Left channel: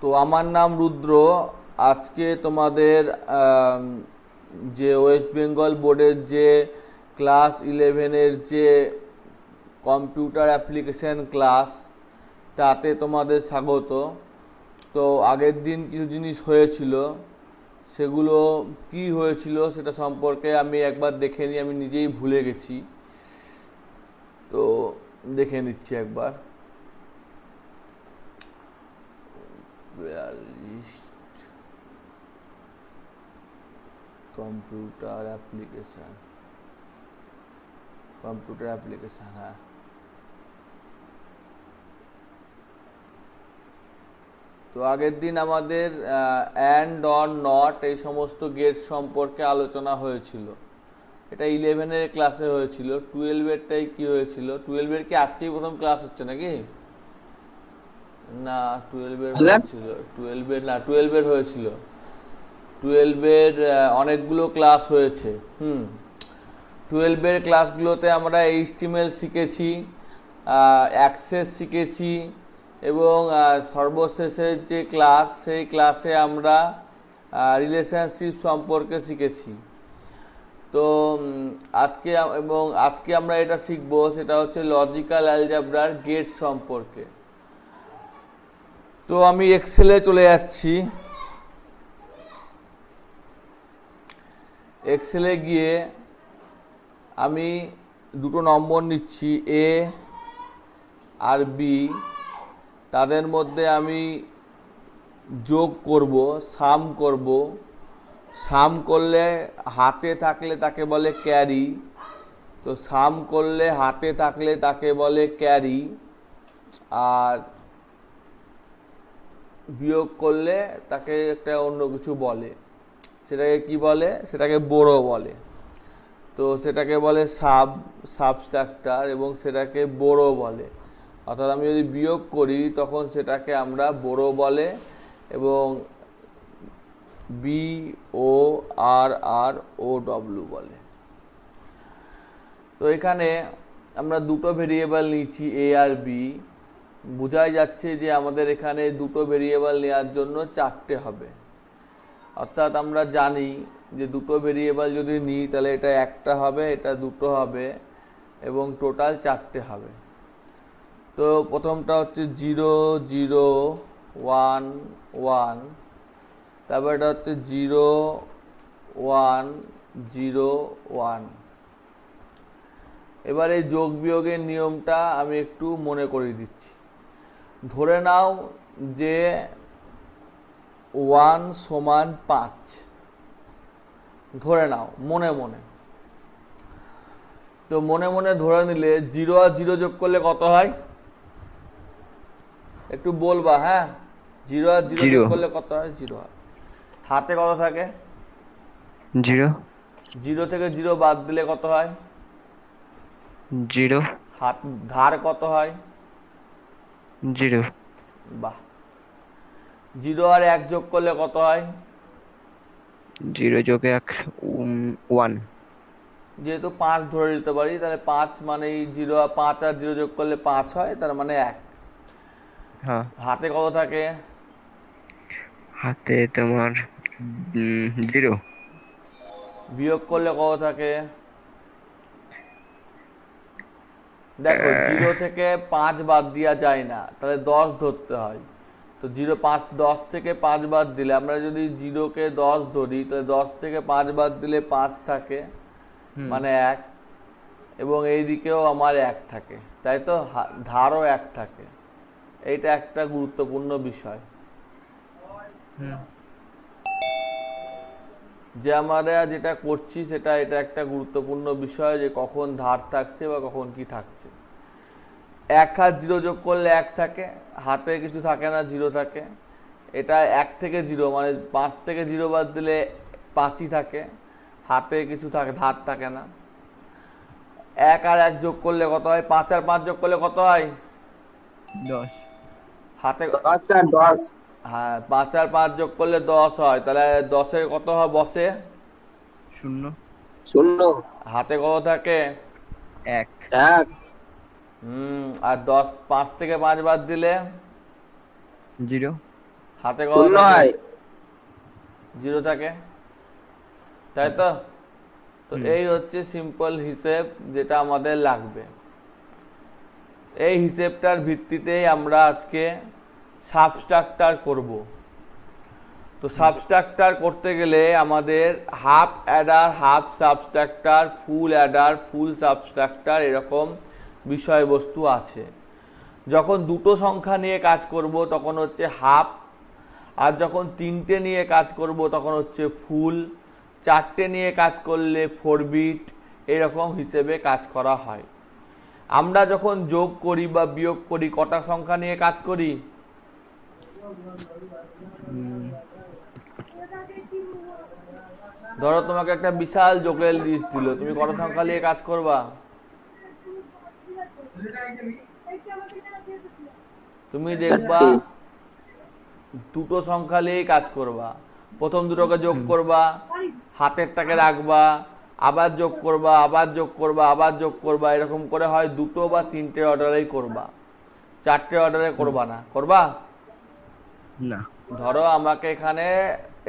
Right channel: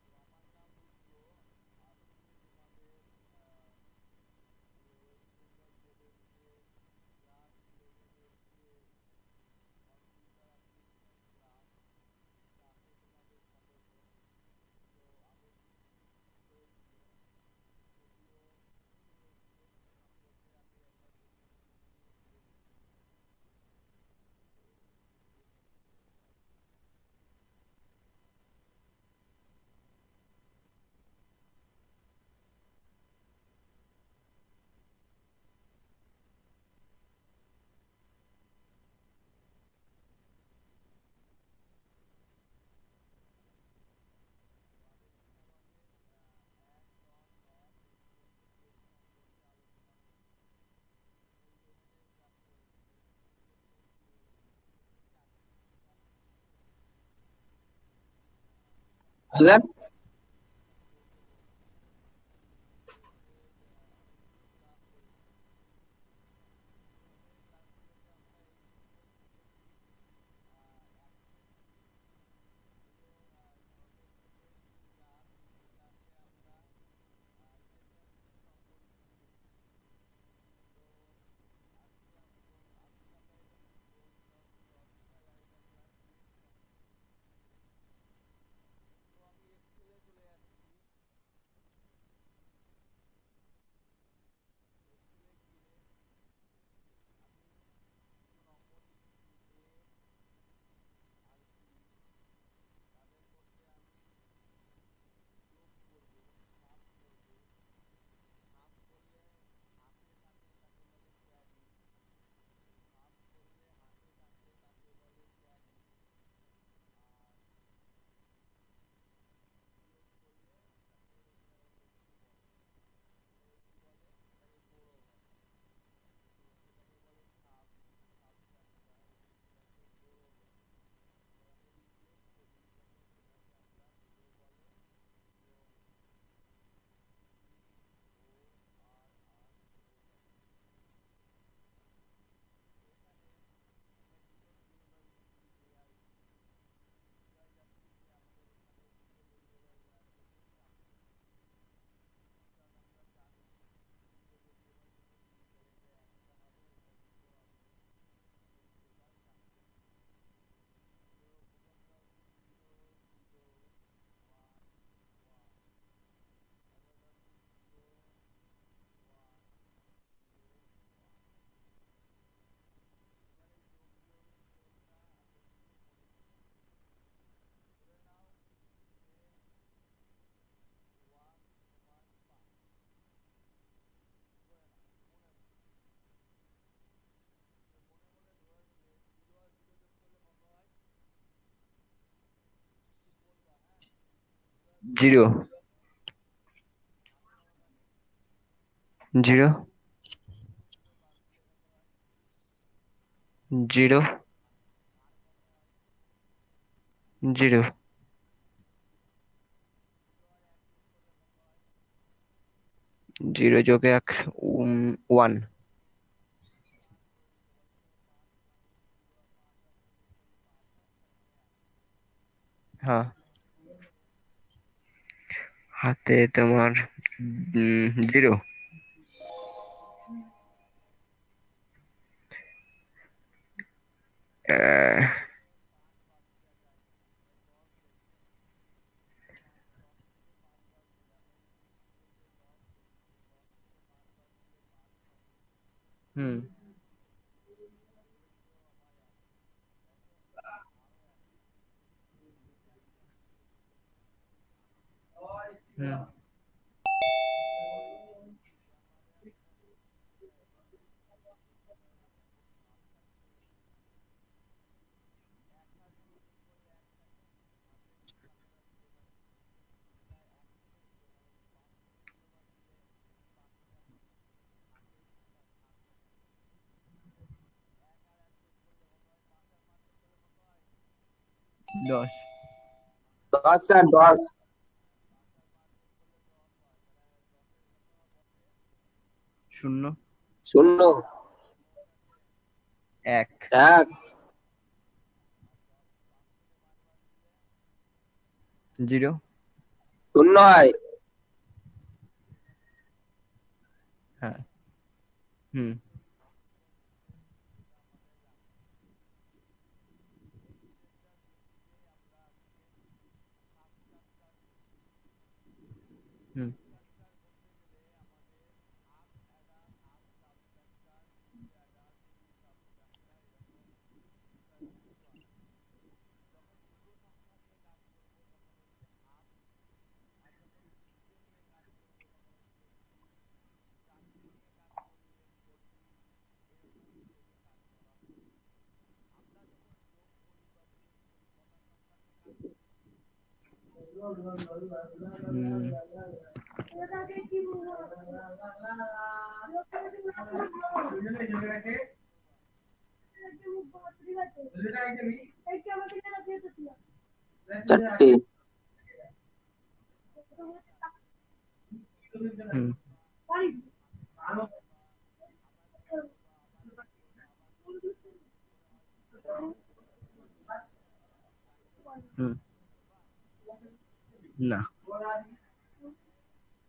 তো আমার নাম রুদ্র। আজকে তোমাদের যে ওয়েস্ট বেঙ্গল বোর্ডের যে ক্লাস 11-এর যে কম্পিউটার অ্যাপ্লিকেশন ক্লাস, তাতে তোমাদের স্বাগত। তো আগের দিন কিছু জিনিস হয়েছিল, সেগুলো কি হয়েছিল সেটা সম্পর্কে আমি একবার দেখে নিই। আমি নিজেই ভুলে গেছি, তো দেখে নিচ্ছি একবার। 42 কম্পিউটার অ্যাপ্লিকেশন, হ্যাঁ। তো আগের দিন আমাদের অ্যান্ড অর নট এই সমস্ত গেট সম্পর্কে আলোচনা হয়েছিল। এটা 11-এর ক্লাসে হয়েছিল। 12-এরটাই কি হয়েছিল? 12-এর কি আজকেই প্রথম ক্লাস হচ্ছে নাকি? না, 12-এর হয়েছিল। 12-এর হয়েছিল। 12-এর অনেকগুলো ক্লাস হয়েছে। 12-এর ক্লাসগুলোতে আমরা এইচটিএমএল শিখেছি, অ্যাক্সেস শিখেছি, এবং সর্বশেষের যে ক্লাস, সেই ক্লাসে আমরা রিলেশনশিপ সম্পর্কে শিখেছি। তো আজকে আমরা এটা শিখবো, সেটা হচ্ছে লজিক্যাল অ্যালজেব্রার গেট সম্পর্কে। তো আমি এক্সেলে চলে যাচ্ছি। এক্সেলে গিয়ে আমি দুটো নম্বর নিচ্ছি, এ আর বি। তাদের মধ্যে আমি যোগ করব, সাম করব। সাম করলে হাতে থাকলে তাকে বলে ক্যারি। তো সাম করলে হাতে থাকলে তাকে বলে ক্যারি, আর বিয়োগ করলে তাকে একটা অন্য কিছু বলে। সেটাকে কি বলে? সেটাকে বড়ো বলে। তো সেটাকে বলে সাবস্ট্রাক্টার, এবং সেটাকে বড়ো বলে। অর্থাৎ আমি যদি বিয়োগ করি তখন সেটাকে আমরা বড়ো বলে, এবং BORROW বলে। তো এখানে আমরা দুটো ভেরিয়েবল নিয়েছি, এ আর বি। বোঝাই যাচ্ছে যে আমাদের এখানে দুটো ভেরিয়েবল নেওয়ার জন্য চারটে হবে। অর্থাৎ আমরা জানি যে দুটো ভেরিয়েবল যদি নিই তাহলে এটা একটা হবে, এটা দুটো হবে, এবং টোটাল চারটে হবে। তো প্রথমটা হচ্ছে 0 0 1 1, তারপর এটা হচ্ছে 0 1 0 1। এবার এই যোগ বিয়োগের নিয়মটা আমি একটু মনে করিয়ে দিচ্ছি। ধরে নাও যে 1 সমান 5, ধরে নাও মনে মনে। তো মনে মনে ধরে নিলে 0 আর 0 যোগ করলে কত হয়? একটু বলবা, হ্যাঁ। 0 আর 0 যোগ জিরো। করলে কত হয়? 0 হয়। হাতে কত থাকে? জিরো। 0 থেকে 0 বাদ দিলে কত হয়? জিরো। হাত ধার কত হয়? জিরো। বাহ। 0 আর 1 যোগ করলে কত হয়? জিরো যোগে এক, 1। যেহেতু 5 ধরে নিতে পারি, তাহলে 5 মানে 0, 5 আর 0 যোগ করলে 5 হয়, তার মানে 1। হ্যাঁ। হাতে কত থাকে? হাতে তোমার জিরো। বিয়োগ করলে কত থাকে? দেখো, 0 থেকে 5 বাদ দেওয়া যায় না, তাহলে 10 ধরতে হয়। তো 10 থেকে 5 বাদ দিলে, আমরা যদি 0-কে 10 ধরি, তাহলে 10 থেকে 5 বাদ দিলে 5 থাকে, হুম। মানে 1। এবং এই দিকেও আমার 1 থাকে, তাই তো? ধারও 1 থাকে। এইটা একটা গুরুত্বপূর্ণ বিষয়, হুম। যে আমরা যেটা করছি এটা একটা গুরুত্বপূর্ণ বিষয়, যে কখন ধার থাকছে বা কখন কি থাকছে। 1 আর 0 যোগ করলে 1 থাকে, হাতে কিছু থাকে না, 0 থাকে। এটা 1 থেকে 0, মানে 5 থেকে 0 বাদ দিলে 5ই থাকে, হাতে কিছু থাকে, ধার থাকে না। 1 আর 1 যোগ করলে কত হয়? 5 আর 5 যোগ করলে কত হয়? 10। হাতে 10 আর 10। হ্যাঁ, 5 আর 5 যোগ করলে 10 হয়, তাহলে 10-এর কত হয় বসে? শূন্য। 0। হাতে কত থাকে? এক। 1। আর 10, 5 থেকে 5 বাদ দিলে জিরো। হাতে কত শূন্য থাকে? হয়। 0 থাকে, তাই তো? তো হুম। এই হচ্ছে সিম্পল হিসেব যেটা আমাদের লাগবে। এই হিসেবটার ভিত্তিতেই আমরা আজকে সাবস্ট্রাক্টার করব। তো সাবস্ট্রাক্টার করতে গেলে আমাদের half adder, half subtractor, full adder, full subtractor এরকম বিষয়বস্তু আছে। যখন দুটো সংখ্যা নিয়ে কাজ করব তখন হচ্ছে হাফ, আর যখন তিনটে নিয়ে কাজ করব তখন হচ্ছে ফুল, চারটে নিয়ে কাজ করলে 4 বিট, এরকম হিসেবে কাজ করা হয়। আমরা যখন যোগ করি বা বিয়োগ করি কটা সংখ্যা নিয়ে কাজ করি? ধরো তোমাকে একটা বিশাল যোগের লিস্ট দিল, তুমি কটা সংখ্যা নিয়ে কাজ করবা? তুমি দেখবা 4টে। দুটো সংখ্যা নিয়েই কাজ করবা। প্রথম দুটোকে যোগ হুম। করবা, হাতেরটাকে রাখবা, আবার যোগ করবা, আবার যোগ করবা, আবার যোগ করবা, এরকম করে হয় দুটো বা তিনটে অর্ডারেই করবা, চারটে অর্ডারে করবা না। করবা? না। ধরো আমাকে এখানে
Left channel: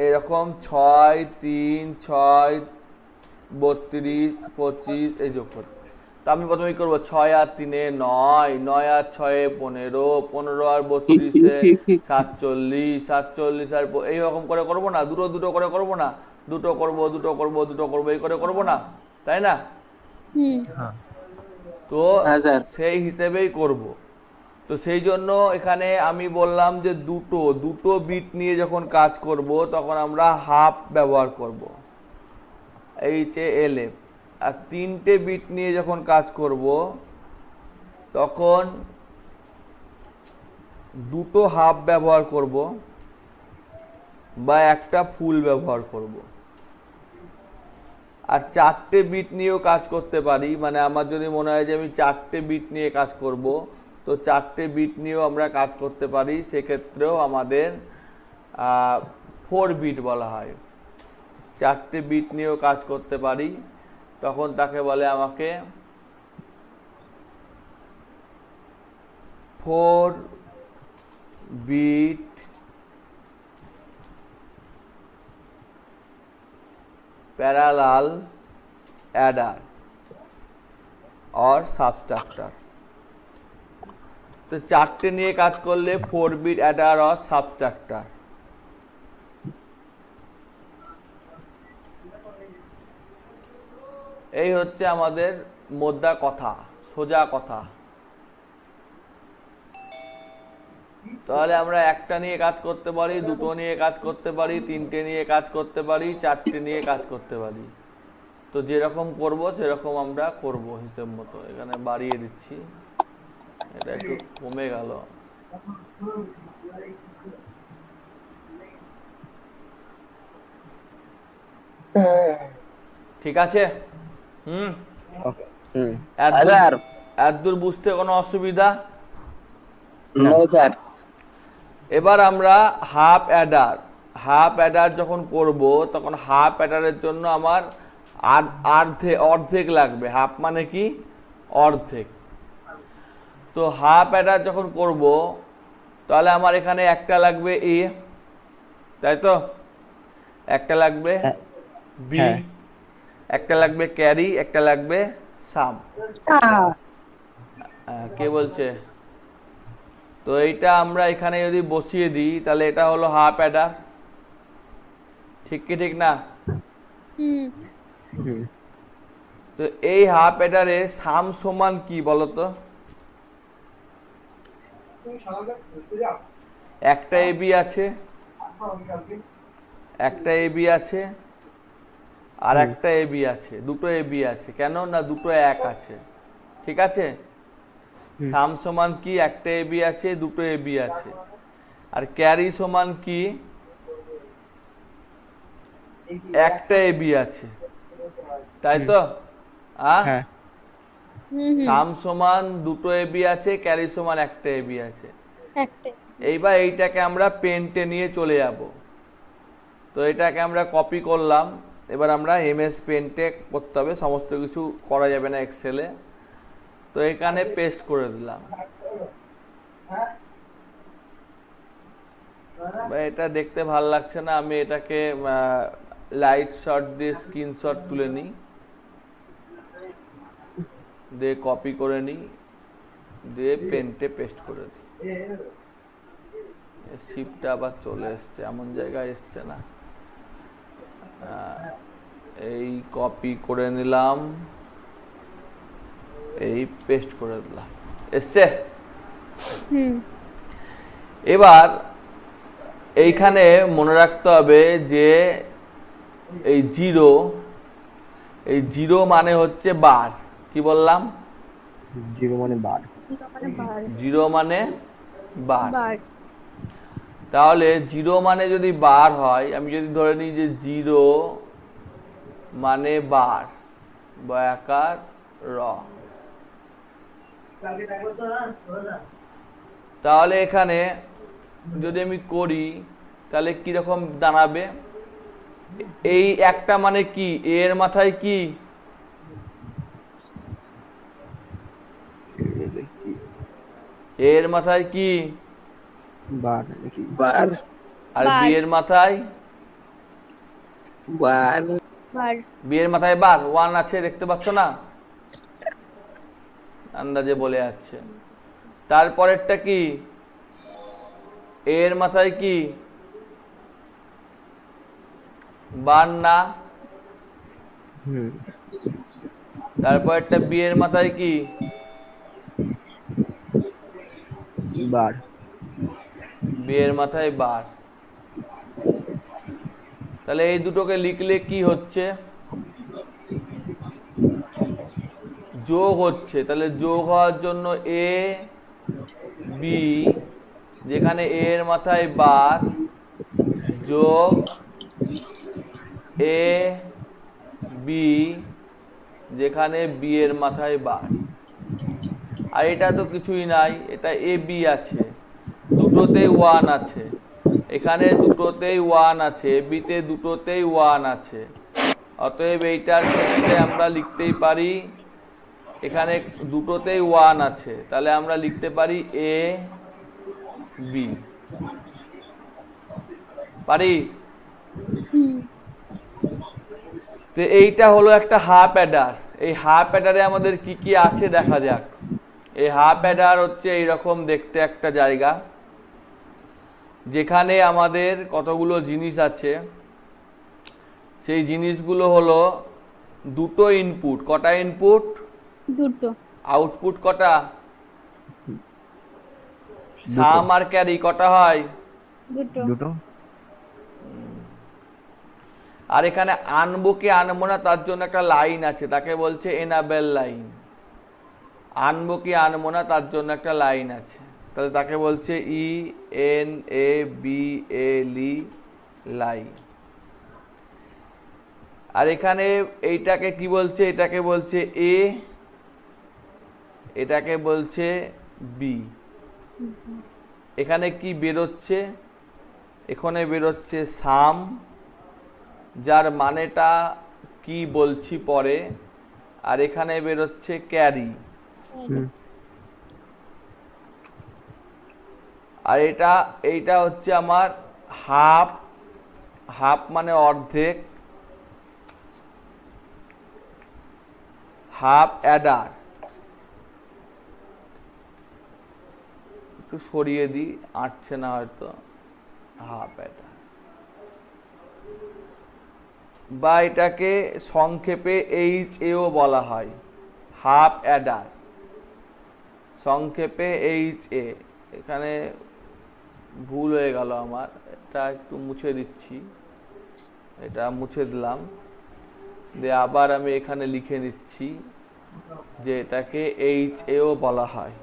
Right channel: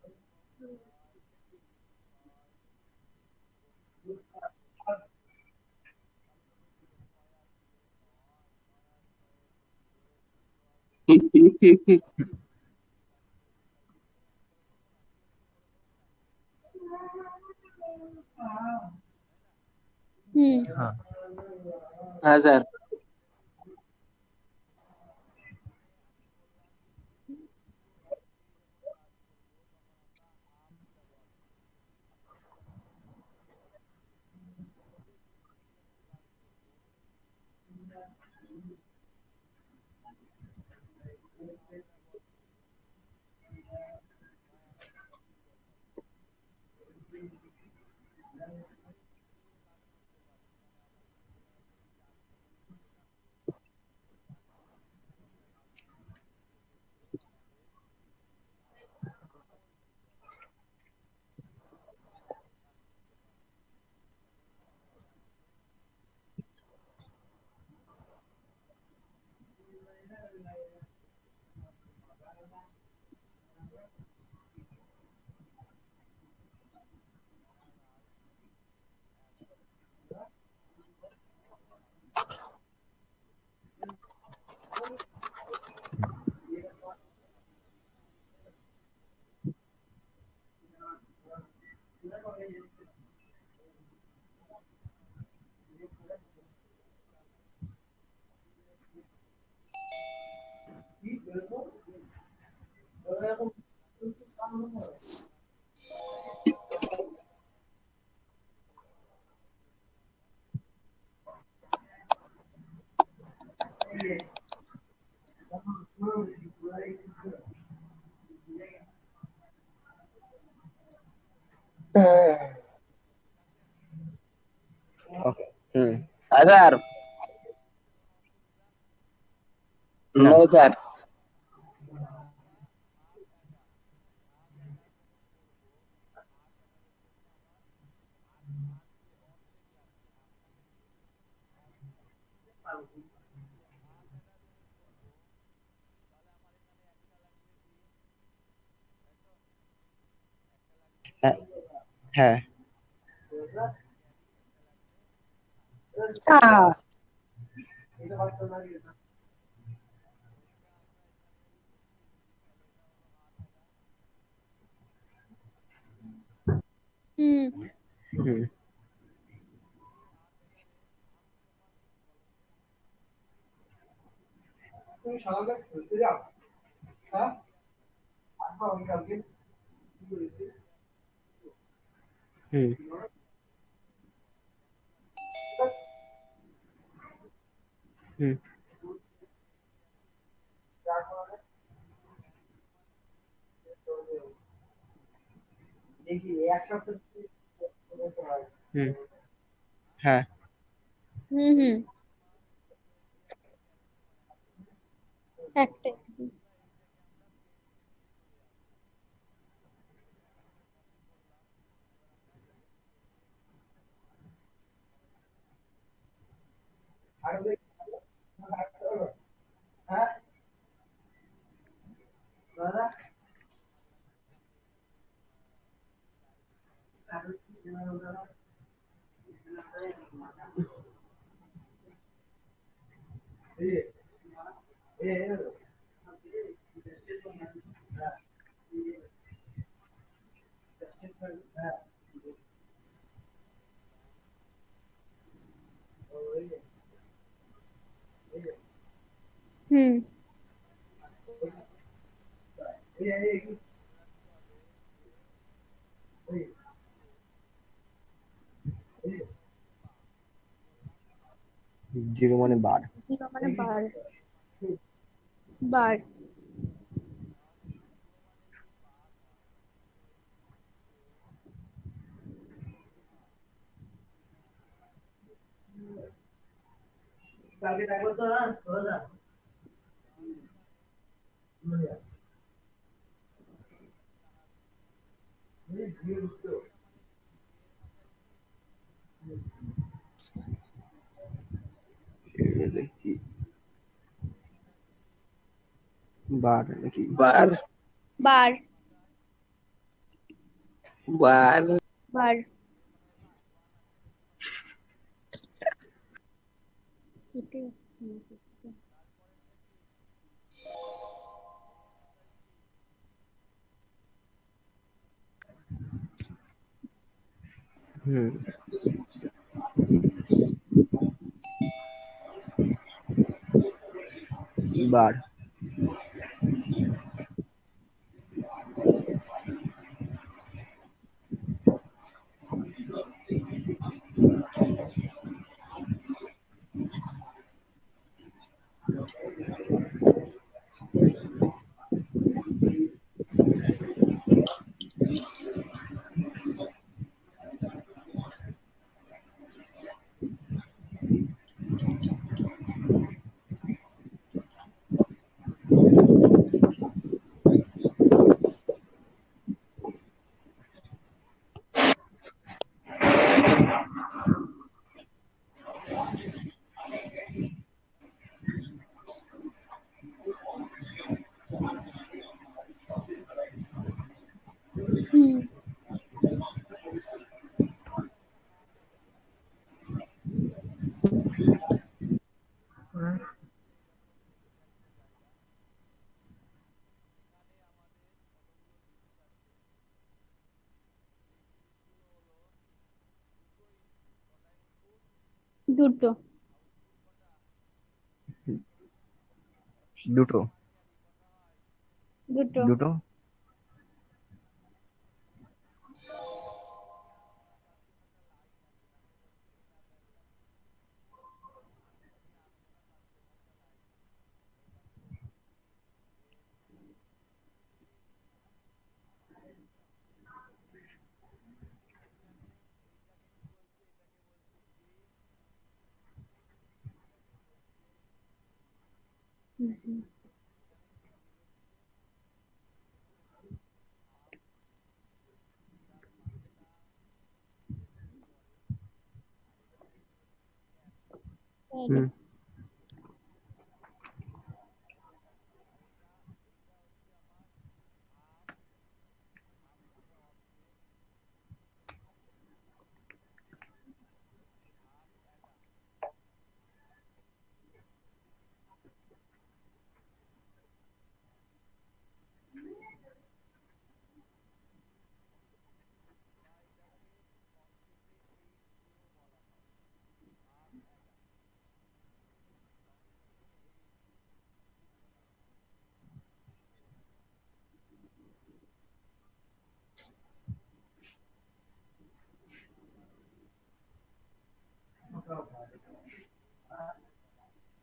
এরকম 6, 3, 6, 32, 25 এই যোগ করতে, তা আমি প্রথমে কি করবো? 6 আর 3 9, 9 আর 6 15, 15 আর 32 47, 47 আর এইরকম করে করবো না? দুটো দুটো করে করবো না? দুটো করবো, দুটো করবো, দুটো করবো, এই করে করবো না, তাই না? হ্যাঁ। তো হ্যাঁ স্যার। সেই হিসেবেই করব। তো সেই জন্য এখানে আমি বললাম যে দুটো দুটো বিট নিয়ে যখন কাজ করব তখন আমরা হাফ ব্যবহার করব, HALF। আর তিনটে বিট নিয়ে যখন কাজ করব তখন দুটো হাফ ব্যবহার করব বা একটা ফুল ব্যবহার করব। আর চারটে বিট নিয়েও কাজ করতে পারি, মানে আমার যদি মনে হয় যে আমি চারটে বিট নিয়ে কাজ করব, তো চারটে বিট নিয়েও আমরা কাজ করতে পারি, সেক্ষেত্রেও আমাদের 4 বিট বলা হয়। চারটে বিট নিয়েও কাজ করতে পারি, তখন তাকে বলে আমাকে 4 বিট প্যারালাল অ্যাডার और সাবস্ট্রাক্টার। তো চারটে নিয়ে কাজ করলে 4 বিট অ্যাডার और সাবস্ট্রাক্টার। এই হচ্ছে আমাদের মোদ্দা কথা, সোজা কথা। তাহলে আমরা একটা নিয়ে কাজ করতে পারি, দুটো নিয়ে কাজ করতে পারি, তিনটে নিয়ে কাজ করতে পারি, চারটে নিয়ে কাজ করতে পারি। তো যেরকম করব সেরকম আমরা করব হিসেব মতো। এখানে বাড়িয়ে দিচ্ছি, এটা একটু কমে গেল। ঠিক আছে? হুম। ওকে। হুম। হ্যাঁ এতদূর স্যার। এতদূর বুঝতে কোনো অসুবিধা? না। No sir. এবার আমরা হাফ অ্যাডার যখন করব তখন হাফ অ্যাডারের জন্য আমার অর্ধেক লাগবে। হাফ মানে কি? অর্ধেক। তো হাফ অ্যাডার যখন করব তাহলে আমার এখানে একটা লাগবে এ, তাই তো? একটা লাগবে হ্যাঁ। বি, হ্যাঁ। একটা লাগবে ক্যারি, একটা লাগবে সাম। কে বলছে? তো এইটা আমরা এখানে যদি বসিয়ে দিই তাহলে এটা হলো হাফ অ্যাডার, ঠিক কি ঠিক না? হুম। তো এই হাফ অ্যাডারে সাম সমান কি বলতো? একটা এবি আছে, একটা এবি আছে, আর হুম। একটা এবি আছে, দুটো এবি আছে। কেন না? দুটো এক আছে, ঠিক আছে? হুম। সাম সমান কি? একটা এবি আছে, দুটো এবি আছে। আর ক্যারি সমান কি? একটা এবি আছে, তাই হুম। তো? হ্যাঁ। সাম সমান দুটো এবি আছে, ক্যারি সমান একটা এবি আছে। এইবার এইটাকে আমরা পেন্টে নিয়ে চলে যাব। তো এটাকে আমরা কপি করলাম, এবার আমরা MS পেন্টে করতে হবে, সমস্ত কিছু করা যাবে না এক্সেলে। তো এখানে পেস্ট করে দিলাম। এটা দেখতে ভালো লাগছে না, আমি এটাকে লাইট শট দিয়ে স্ক্রিনশট তুলে নিই, দিয়ে কপি করে নিই, দিয়ে পেন্টে পেস্ট করে দিই। শিপটা আবার চলে এসছে, এমন জায়গায় এসছে না। এই কপি করে নিলাম, এই পেস্ট করে দিলাম, এসছে। এবার এইখানে মনে রাখতে হবে যে এই জিরো মানে হচ্ছে বার। কি বললাম? জিরো মানে বার। জিরো মানে বার। তাহলে জিরো মানে যদি বার হয়, আমি যদি ধরে নিই যে জিরো মানে বার, বয়াকার র, তাহলে এখানে যদি আমি করি তাহলে কিরকম দাঁড়াবে? এই একটা মানে কি, এর মাথায় কি? এর মাথায় কি? বার নাকি? বার আর বি এর মাথায়? বার বি এর মাথায় বার, ওয়ান আছে, দেখতে পাচ্ছ না? আন্দাজে বলে যাচ্ছে। তারপরেরটা কি? এর মাথায় কি? বার না? তারপরেরটা বি এর মাথায় কি? বার। বি এর মাথায় বার। তাহলে এই দুটোকে লিখলে কি হচ্ছে? যোগ হচ্ছে। তাহলে যোগ হওয়ার জন্য এ বি, যেখানে এ এর মাথায় বার, যোগ এ বি, যেখানে বি এর মাথায় বার। আর এটা তো কিছুই নাই, এটা এ বি আছে, দুটোতেই ওয়ান আছে, এখানে দুটোতেই ওয়ান আছে, এ বিতে দুটোতেই ওয়ান আছে। অতএব এইটার ক্ষেত্রে আমরা লিখতেই পারি, এখানে দুটোতেই ওয়ান আছে, তাহলে আমরা লিখতে পারি এ বি। পারি? তো এইটা হলো একটা হাফ অ্যাডার। এই হাফ অ্যাডারে আমাদের কি কি আছে দেখা যাক। এই হাফ অ্যাডার হচ্ছে এইরকম দেখতে একটা জায়গা, যেখানে আমাদের কতগুলো জিনিস আছে। সেই জিনিসগুলো হলো দুটো ইনপুট। কটা ইনপুট? দুটো। আউটপুট কটা? সাম আর ক্যারি কটা হয়? দুটো। আর এখানে আনবো কি আনবো না তার জন্য একটা লাইন আছে, তাকে বলছে এনাবেল লাইন। আনবো কি আনবো না তার জন্য একটা লাইন আছে, তাহলে তাকে বলছে E N A B L E, line. আর এখানে এইটাকে কি বলছে? এটাকে বলছে এ, এটাকে বলছে বি। এখানে কি বেরোচ্ছে? এখানে বেরোচ্ছে সাম, যার মানেটা কি বলছি পরে। আর এখানে বেরোচ্ছে ক্যারি। আর এইটা হচ্ছে আমার হাফ। হাফ মানে অর্ধেক, হাফ অ্যাডার। একটু সরিয়ে দিই, আঁটছে না হয়তো। হাফ অ্যাডার, বা এটাকে সংক্ষেপে এইচ এও বলা হয়, হাফ অ্যাডার, সংক্ষেপে এইচ এ। এখানে ভুল হয়ে গেল আমার, এটা একটু মুছে দিচ্ছি, এটা মুছে দিলাম, দিয়ে আবার আমি এখানে লিখে নিচ্ছি যে এটাকে এইচ এও বলা হয়,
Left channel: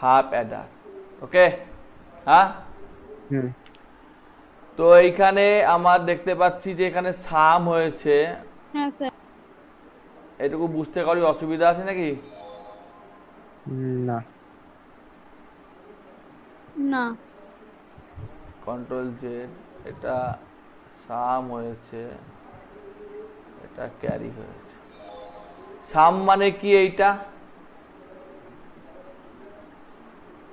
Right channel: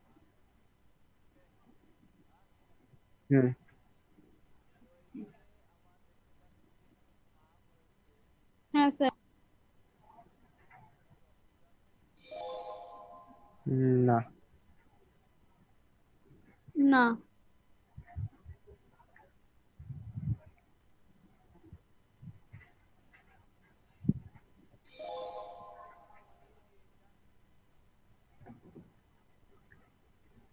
হাফ অ্যাডার। ওকে? হ্যাঁ। তো এইখানে আমার দেখতে পাচ্ছি যে এখানে সাম হয়েছে। হ্যাঁ স্যার। এটুকু বুঝতে কারো অসুবিধা আছে নাকি? না। না। কন্ট্রোল জেড, এটা সাম হয়েছে, এটা ক্যারি হয়েছে। সাম মানে কি এইটা?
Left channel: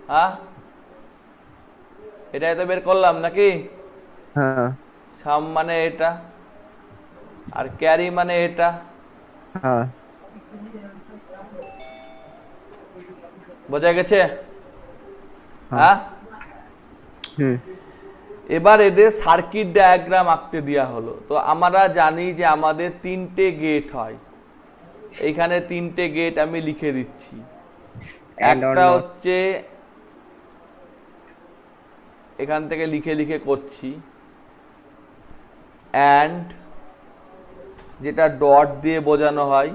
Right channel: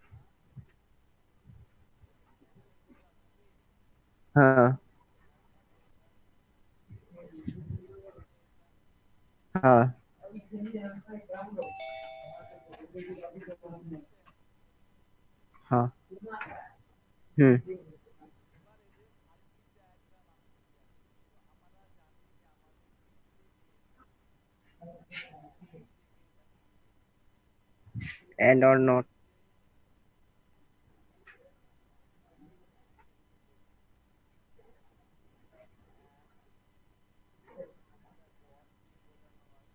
হ্যাঁ, এটাই তো বের করলাম নাকি? হ্যাঁ সাম মানে এটা, আর ক্যারি মানে এটা। হ্যাঁ বোঝা গেছে? হ্যাঁ হ্যাঁ। হুম এবার এদের সার্কিট ডায়াগ্রাম আঁকতে দেওয়া হলো। তো আমরা জানি যে আমাদের 3টে গেট হয়। এইখানে 3টে গেট আমি লিখে দিচ্ছি। and or একটা not হচ্ছে, এখান থেকে লিখে লিখে করছি, অ্যান্ড যেটা ডট দিয়ে বোঝানো হয়,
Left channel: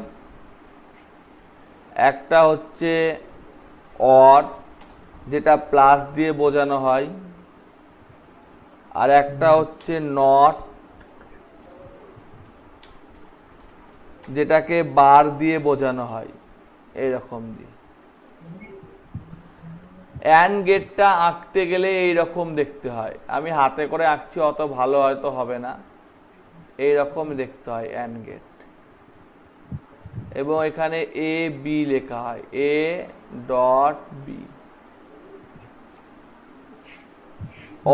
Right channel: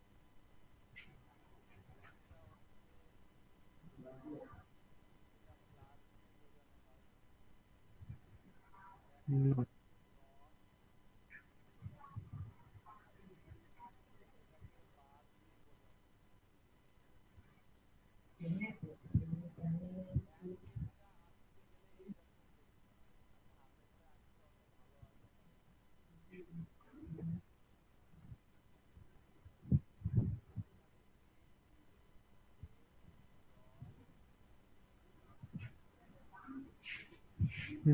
একটা হচ্ছে অর যেটা প্লাস দিয়ে বোঝানো হয়, আর একটা হচ্ছে নট যেটাকে বার দিয়ে বোঝানো হয়, এইরকম দিয়ে। অ্যান্ড গেটটা আঁকতে গেলে এইরকম দেখতে হয়। আমি হাতে করে আঁকছি, অত ভালো হয়তো হবে না, এইরকম দেখতে হয় অ্যান্ড গেট। এবং এখানে এ বি লেখা হয়, এ ডট বি।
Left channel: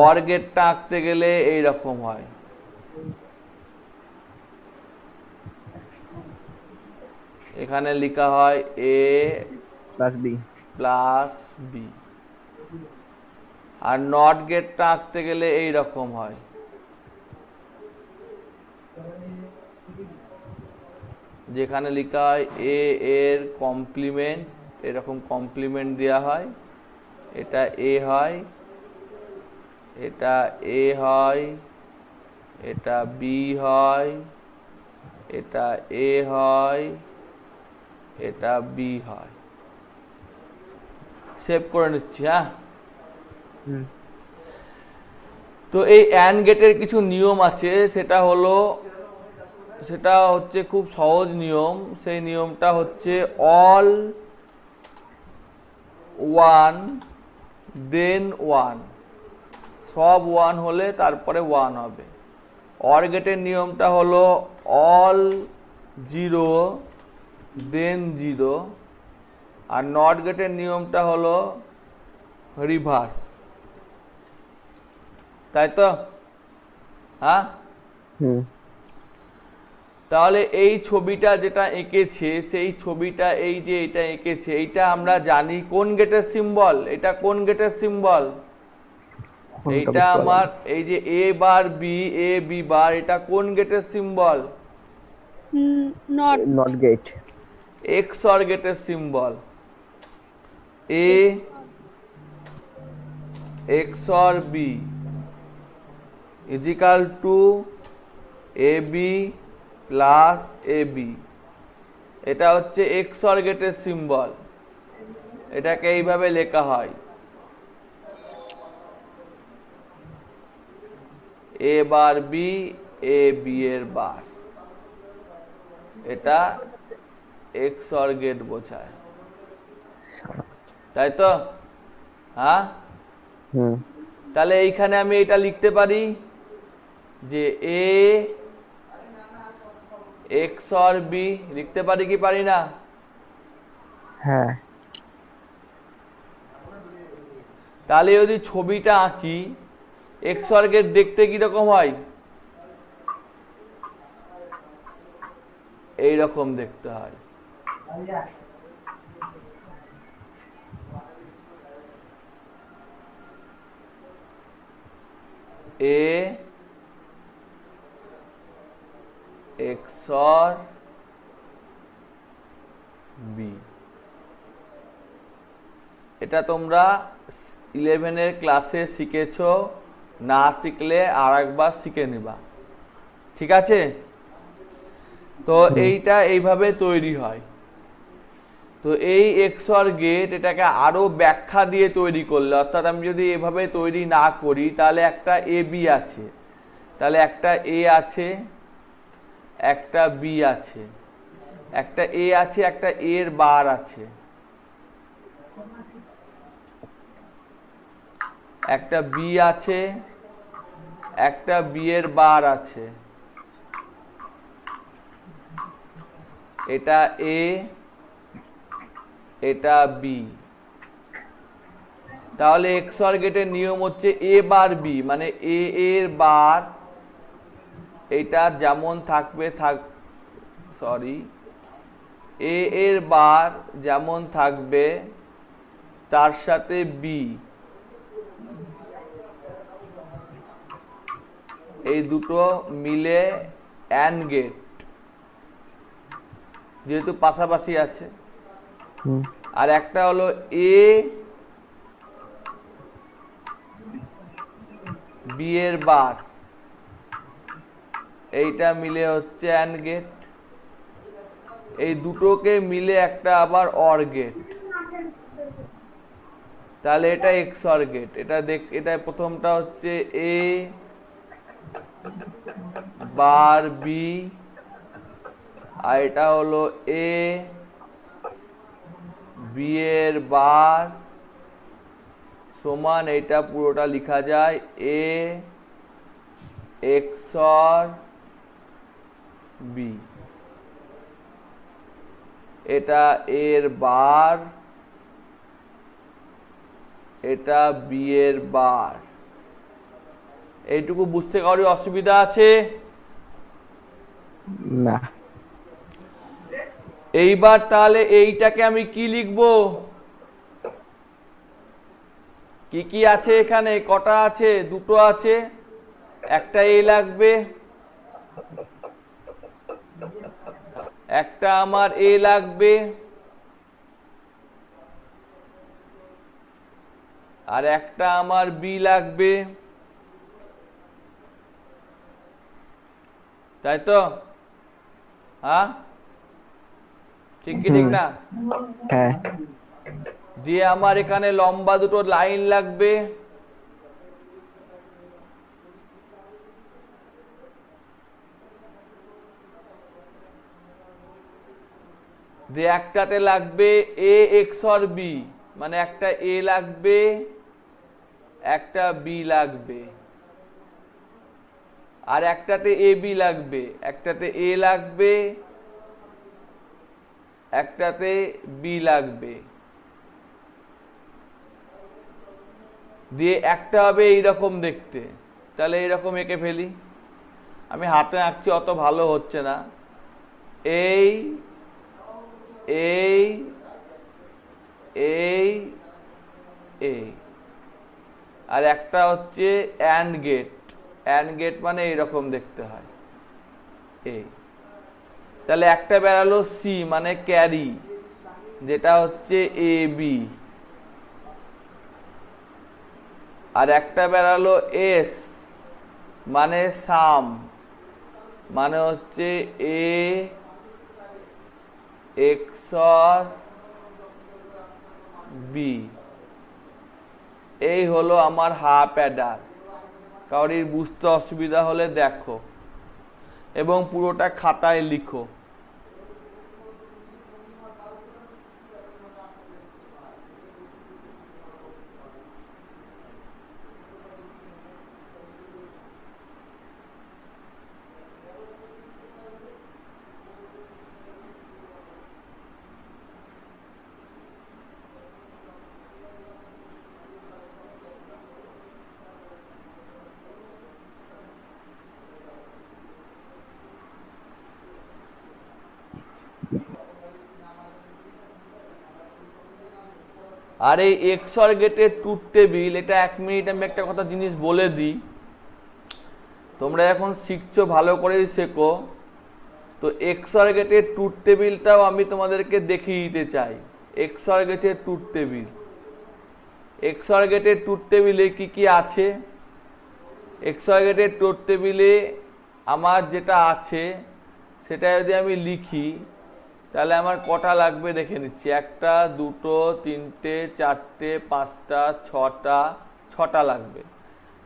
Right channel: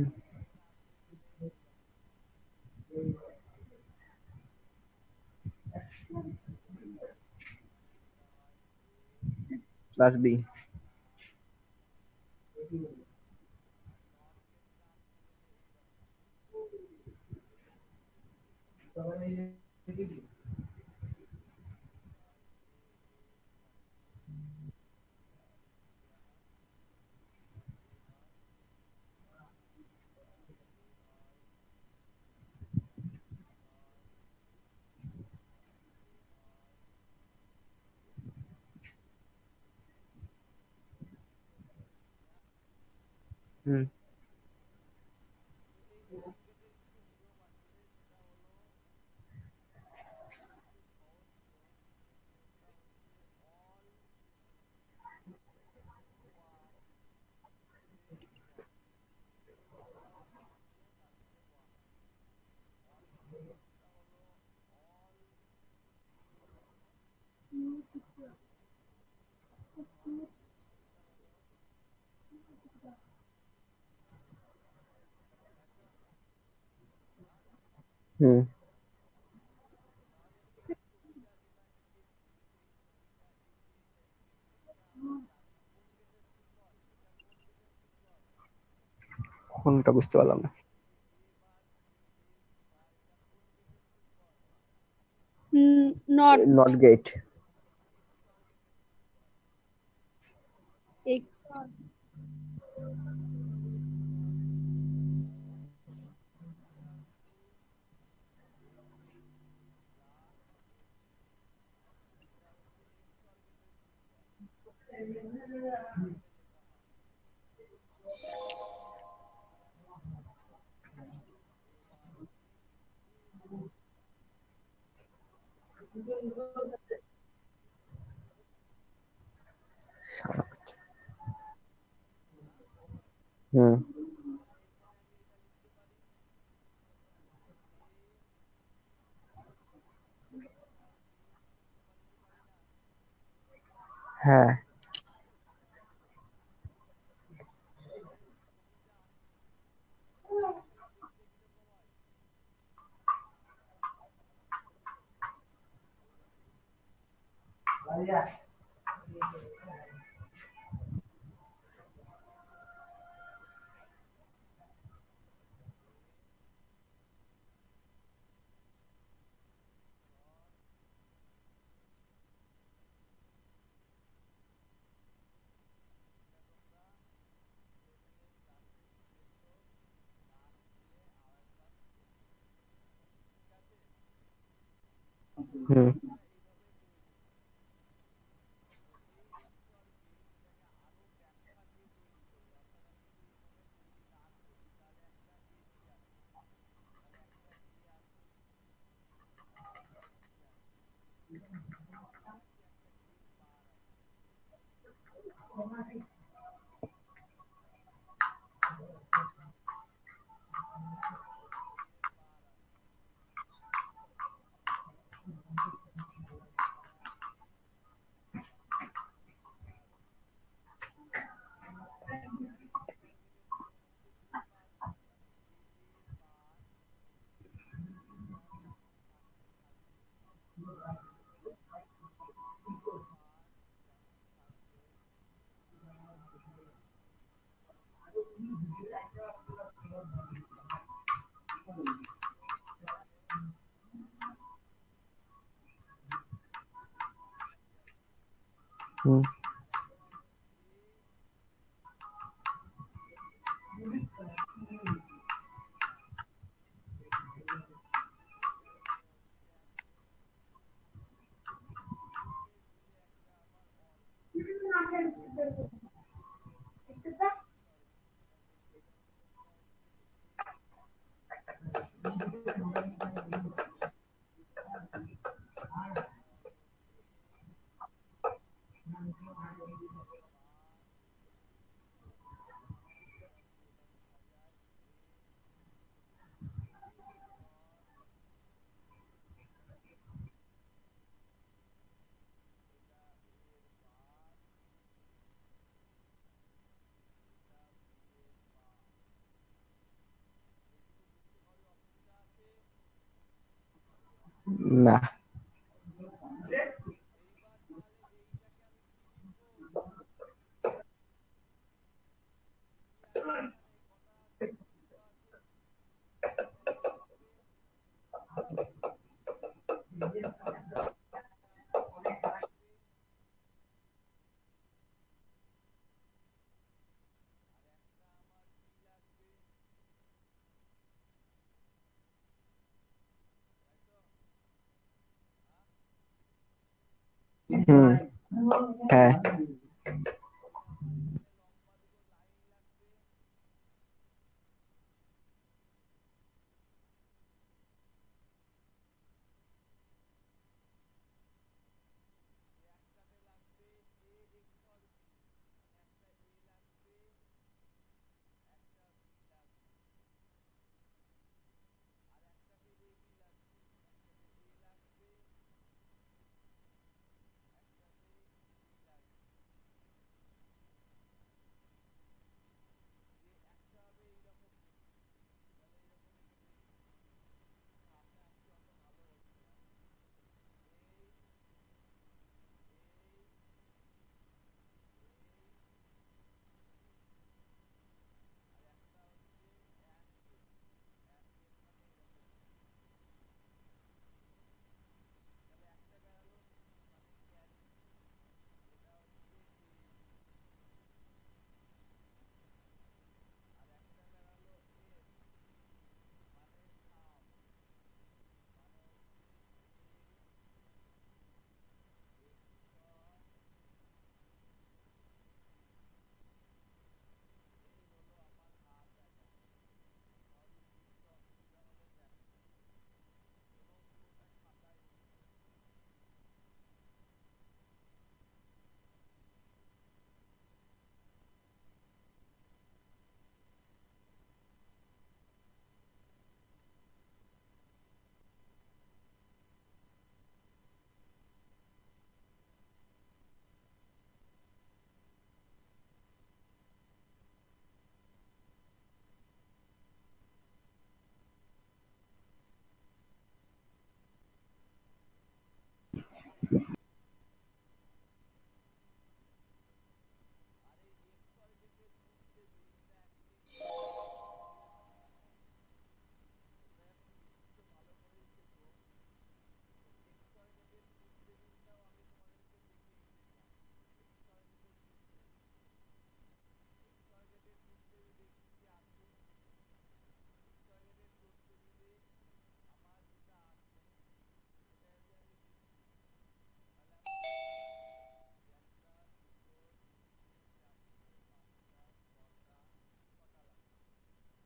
অর গেটটা আঁকতে গেলে এইরকম হয়, এখানে লেখা হয় A plus b plus B. আর নট গেটটা আঁকতে গেলে এইরকম হয়, যেখানে লেখা হয় এ এর কমপ্লিমেন্ট, এরকম কমপ্লিমেন্ট দেওয়া হয়, এটা এ হয়, এটা এ হয়, এটা বি হয়, এটা এ হয়, এটা বি হয়। সেভ করে নিচ্ছি। হ্যাঁ। হুম তো এই অ্যান্ড গেটের কিছু নিয়ম আছে, সেটা হচ্ছে খুব সহজ নিয়ম। সেই নিয়মটা হচ্ছে অল ওয়ান দেন ওয়ান, সব ওয়ান হলে তারপরে ওয়ান হবে। অর গেটের নিয়মটা হলো অল জিরো দেন জিরো, আর নট গেটের নিয়মটা হলো রিভার্স। তাই তো? হ্যাঁ। হুম তাহলে এই ছবিটা যেটা এঁকেছে, সেই ছবিটা, এই যে এটা এঁকেছে, এইটা আমরা জানি কোন গেটের সিম্বল? এটা কোন গেটের সিম্বল? কোনটা এইটা বুঝতে পারলাম আমার, এই যে এ বার বি, এ বি বার, এটা কোন গেটের সিম্বল? নট not gate এক্সঅর গেটের symbol. A x এক্সঅর B is equal two A B plus A B. এটা হচ্ছে এক্সঅর গেটের সিম্বল। এটাকে এইভাবে লেখা হয়, এ বার বি, এ বি এর বার। এটা এক্সঅর গেট বোঝায়। তাই তো? হ্যাঁ। হুম তাহলে এইখানে আমি এটা লিখতে পারি যে এ এক্সঅর বি, লিখতে পারি কি পারি না? হ্যাঁ তাহলে যদি ছবিটা আঁকি, এক্সঅর গেট দেখতে কিরকম হয়? এইরকম দেখতে হয়। এ এক্সঅর বি। এটা তোমরা 11 ক্লাসে শিখেছো, না শিখলে আর একবার শিখে নিবা। ঠিক আছে? তো এইটা এইভাবে তৈরি হয়। তো এই এক্সঅর গেট এটাকে আরো ব্যাখ্যা দিয়ে তৈরি করলে, অর্থাৎ আমি যদি এভাবে তৈরি না করি, তাহলে একটা এ বি আছে, তাহলে একটা এ আছে, একটা বি আছে, একটা এ আছে, একটা এর বার আছে, একটা বি আছে, একটা বি এর বার আছে, এটা এ, এটা বি। তাহলে XOR গেটের নিয়ম হচ্ছে এ বার বি, মানে এ এর বার এটা যেমন থাকবে এ এর বার যেমন থাকবে তার সাথে বি, এই দুটো মিলে অ্যান্ড গেট, যেহেতু পাশাপাশি আছে। হুম আর একটা হলো এ বি এর বার, এইটা মিলে হচ্ছে অ্যান্ড গেট। এই দুটোকে মিলে একটা আবার অর গেট, তাহলে এটা XOR গেট। এটা প্রথমটা হচ্ছে এ বার বি, আর এটা হলো এ বি এর বার সমান, এটা পুরোটা লেখা যায় এ XOR বি। এটা এর বার, এটা বি এর বার। এইটুকু বুঝতে কারোর অসুবিধা আছে? না এইবার তাহলে এইটাকে আমি কি লিখবো? কি কি আছে এখানে? কটা আছে? দুটো আছে, একটা এ লাগবে, একটা আমার এ লাগবে, আর একটা আমার বি লাগবে, তাই তো? হ্যাঁ, ঠিক কি ঠিক হুম না? হ্যাঁ দিয়ে আমার এখানে লম্বা দুটো লাইন লাগবে, দিয়ে একটাতে লাগবে এ XOR বি, মানে একটা এ লাগবে একটা বি লাগবে, আর একটাতে এ বি লাগবে, একটাতে এ লাগবে একটাতে বি লাগবে, দিয়ে একটা হবে এইরকম দেখতে। তাহলে এইরকম এঁকে ফেলি, আমি হাতে আঁকছি অত ভালো হচ্ছে না। এই এই এই এই, আর একটা হচ্ছে অ্যান্ড গেট। অ্যান্ড গেট মানে এইরকম দেখতে হয় এই। তাহলে একটা বেরালো সি মানে ক্যারি, যেটা হচ্ছে এ বি, আর একটা বেরালো এস মানে সাম, মানে হচ্ছে এ XOR বি। এই হলো আমার হাফ অ্যাডার। কারোর বুঝতে অসুবিধা হলে দেখো এবং পুরোটা খাতায় লিখো। আর এই XOR গেটের ট্রুথ টেবিল, এটা 1 মিনিট আমি একটা কথা জিনিস বলে দিই। তোমরা এখন শিখছো, ভালো করেই শেখো। তো XOR গেটের ট্রুথ টেবিলটাও আমি তোমাদেরকে দেখিয়ে দিতে চাই। XOR গেটের ট্রুথ টেবিল, XOR গেটের ট্রুথ টেবিলে কি কি আছে? XOR গেটের ট্রুথ টেবিলে আমার যেটা আছে সেটা যদি আমি লিখি তাহলে আমার কটা লাগবে দেখে নিচ্ছি। একটা, দুটো, তিনটে, চারটে, পাঁচটা, ছটা লাগবে।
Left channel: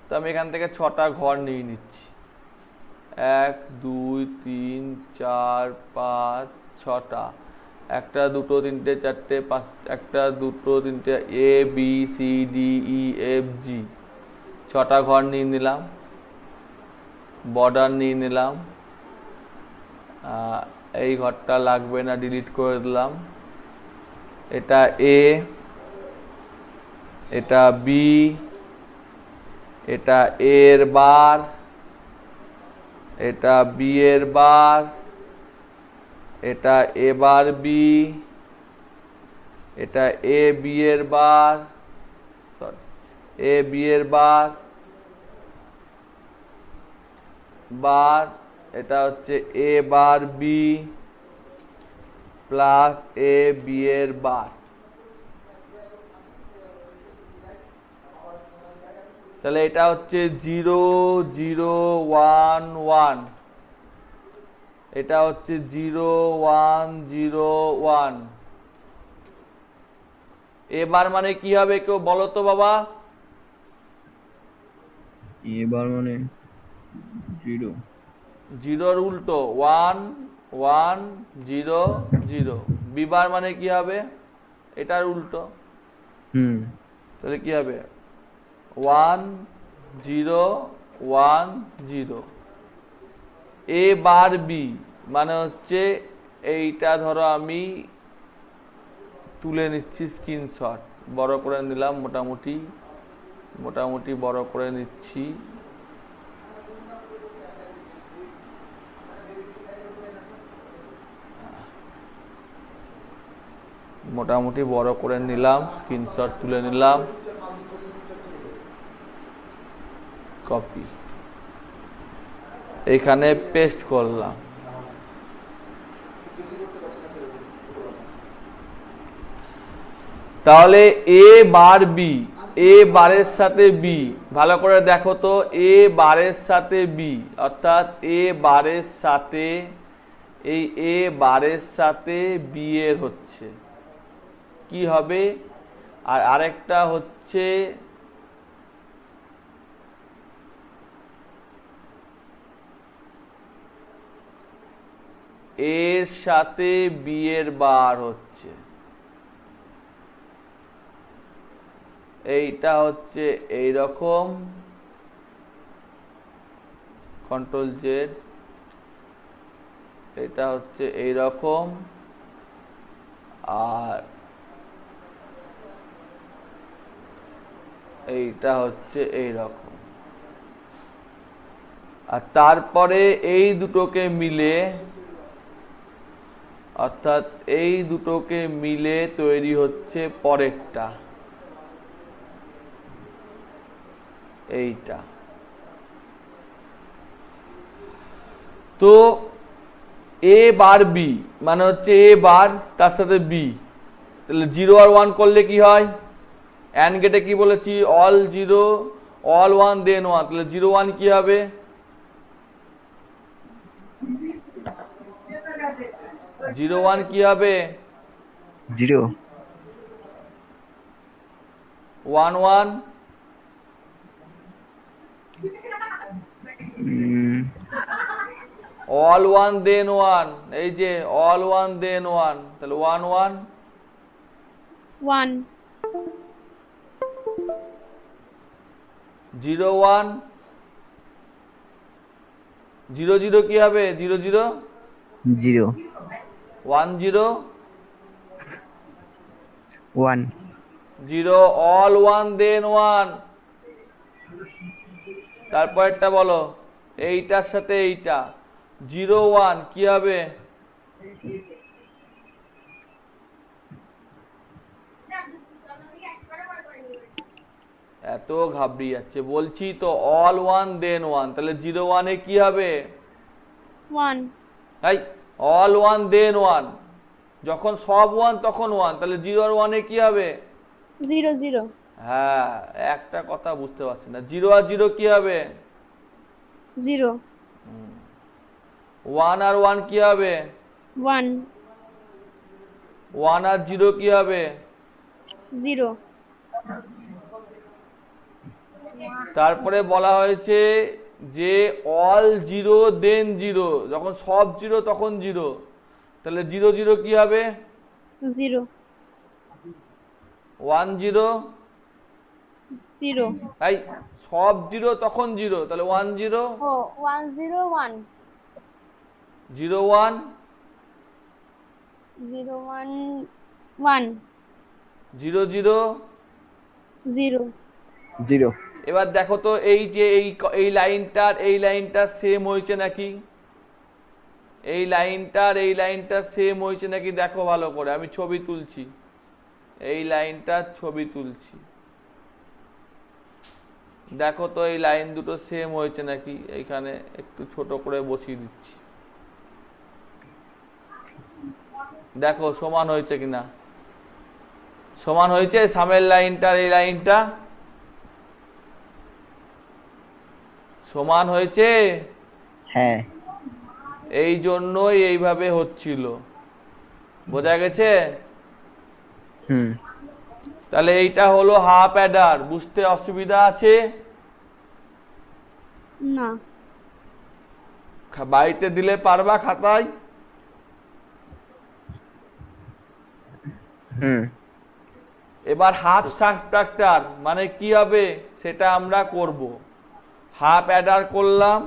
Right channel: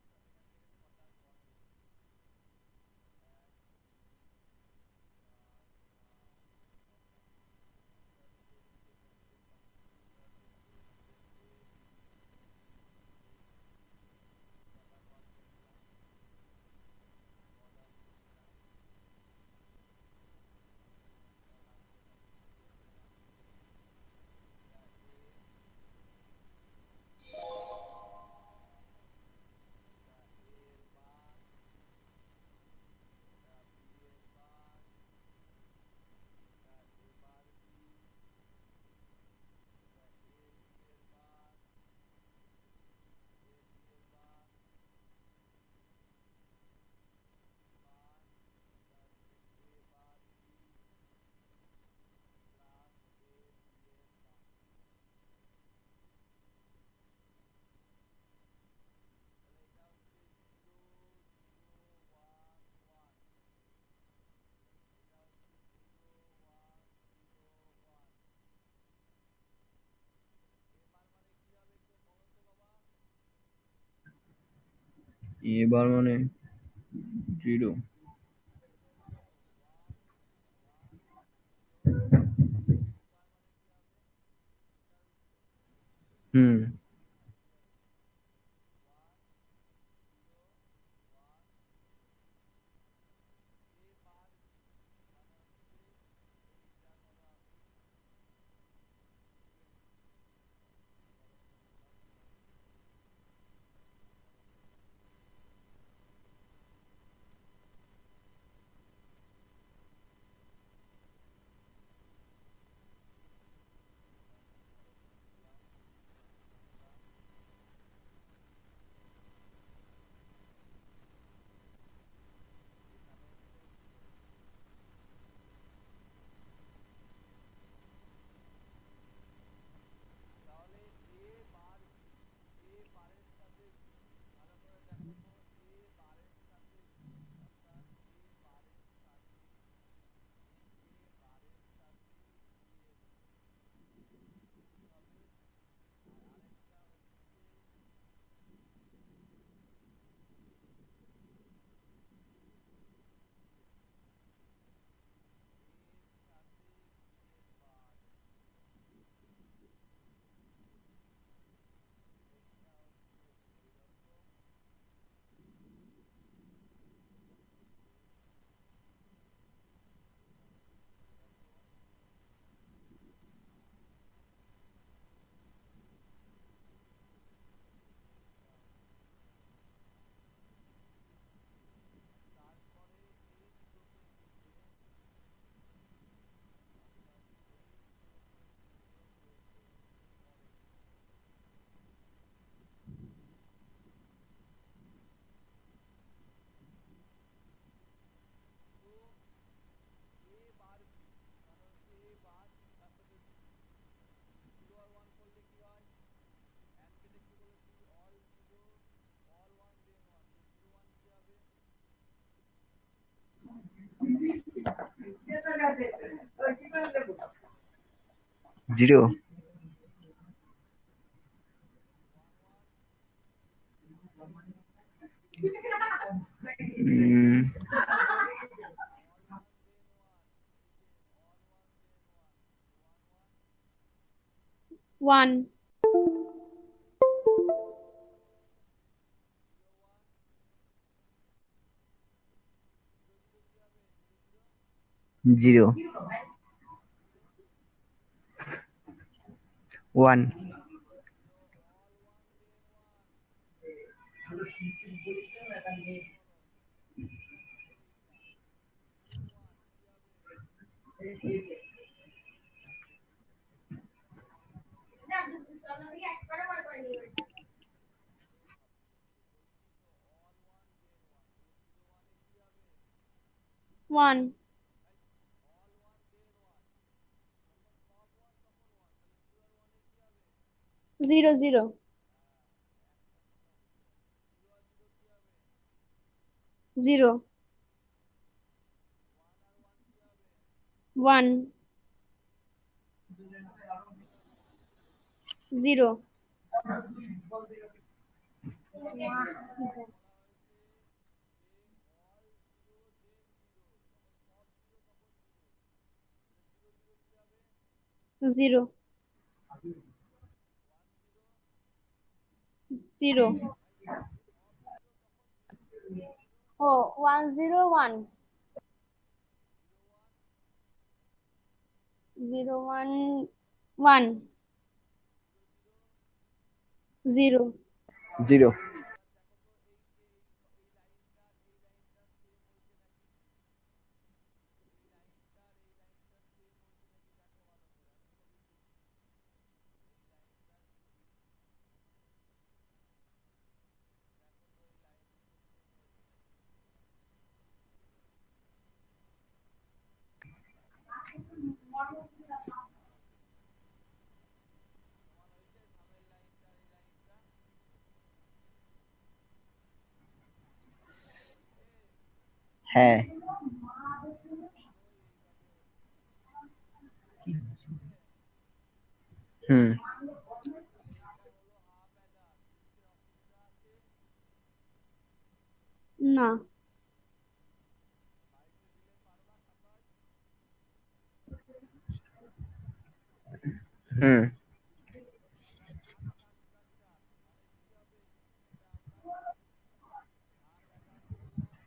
তো আমি এখান থেকে 6টা ঘর নিয়ে নিচ্ছি। 1 2 3 4 5 6টা। একটা, দুটো, তিনটে, চারটে, পাঁচ, একটা, দুটো, তিনটে, A B C D E F G, 6টা ঘর নিয়ে নিলাম। বর্ডার নিয়ে নিলাম, এই ঘরটা লাগবে না, ডিলিট করে দিলাম। এটা এ, এটা বি, এটা এ এর বার, এটা বি এর বার, এটা এ বার বি, এটা এ বি এর বার, সরি এ বি এর বার বার, এটা হচ্ছে এ বার বি প্লাস এ বি এর বার। তাহলে এটা হচ্ছে 0 0 1 1, এটা হচ্ছে 0 1 0 1। এবার মানে কি হবে কেউ বলো তো বাবা? এবার মানে 0 জিরোর উল্টো 1 1 0 0। বিবার মানে কি হবে? এটার উল্টো। তাহলে কি হবে? 1 0 1 0। এ বার বি মানে হচ্ছে এইটা, ধরো আমি তুলে নিচ্ছি স্ক্রিনশট, বড় করে নিলাম, মোটামুটি মোটামুটি বড় করে নিচ্ছি। মোটামুটি বড় করে নিলাম, স্ক্রিনশট তুলে নিলাম, কপি, এখানে পেস্ট করলাম। তাহলে এ বার বি, এ বারের সাথে বি, ভালো করে দেখো তো, এ বারের সাথে বি অর্থাৎ এ বারের সাথে, এই এ বারের সাথে বি এর হচ্ছে কি হবে? আর আরেকটা হচ্ছে এর সাথে বি এর বার হচ্ছে, এইটা হচ্ছে এইরকম, কন্ট্রোল জেড, এটা হচ্ছে এইরকম, আর এইটা হচ্ছে এইরকম। আর তারপরে এই দুটোকে মিলে, অর্থাৎ এই দুটোকে মিলে তৈরি হচ্ছে পরেরটা, এইটা। তো এ বার বি মানে হচ্ছে এ বার তার সাথে বি, তাহলে 0 আর 1 করলে কি হয়? অ্যান্ড গেটে কি বলেছি? অল 0 অল 1 দেন 1, তাহলে 0 1 কি হবে? 0 1 কি হবে? 0 1 1 অল 1 দেন 1, এই যে অল 1 দেন 1, তাহলে 1 1 1 0 1 0 0 কি হবে? 0 0 0 1 0 1 0 অল 1 দেন 1। তারপরটা বলো, এইটার সাথে এইটা 0 1 কি হবে? এত ঘাবড়ি যাচ্ছে, বলছি তো অল 1 দেন 1, তাহলে 0 1 এ কি হবে? 1 তাই অল 1 দেন 1, যখন সব 1 তখন 1, তাহলে 0 আর 1 এ কি হবে? 0 0 হ্যাঁ, একটা কথা বুঝতে পারছি না, 0 আর 0 কি হবে? 0 1 আর 1 কি হবে? 1 1 আর 0 কি হবে? 0 তারপরে বলা হয়েছে যে অল 0 দেন 0, যখন সব 0 তখন 0, তাহলে 0 0 কি হবে? 0 1 0 0 তাই সব 0 তখন 0, তাহলে 1 0 ও 1 0 1 0 1 0 1 1 0 0 জিরো জিরো এবার দেখো তো এই যে এই লাইনটার সেম হয়েছে নাকি, এই লাইনটার সেম হয়েছে নাকি দেখো ভালো করে, আমি ছবি তুলছি, এই লাইনটার ছবি তুলছি, দেখো তো এই লাইন দুটো সেম হয়েছে নাকি। এইখানে একটু ছোট করে বসিয়ে দিচ্ছি, দেখো সমান হয়েছে কিনা। সমান হয়েছে সামনের লাইনটার এই লাইনটা, সমান হয়েছে। হ্যাঁ এই জন্যই এইভাবে হচ্ছিল, বোঝা গেছে। হুম তাহলে এইটা হলো হাফ অ্যাডার, বুঝতে অসুবিধা আছে? না বাড়িতে দিলে পারবা খাতায়? হুম এবার হাফ সাবট্রাক্টর মানে কি হবে সেটা আমরা করব। হাফ অ্যাডার করলাম,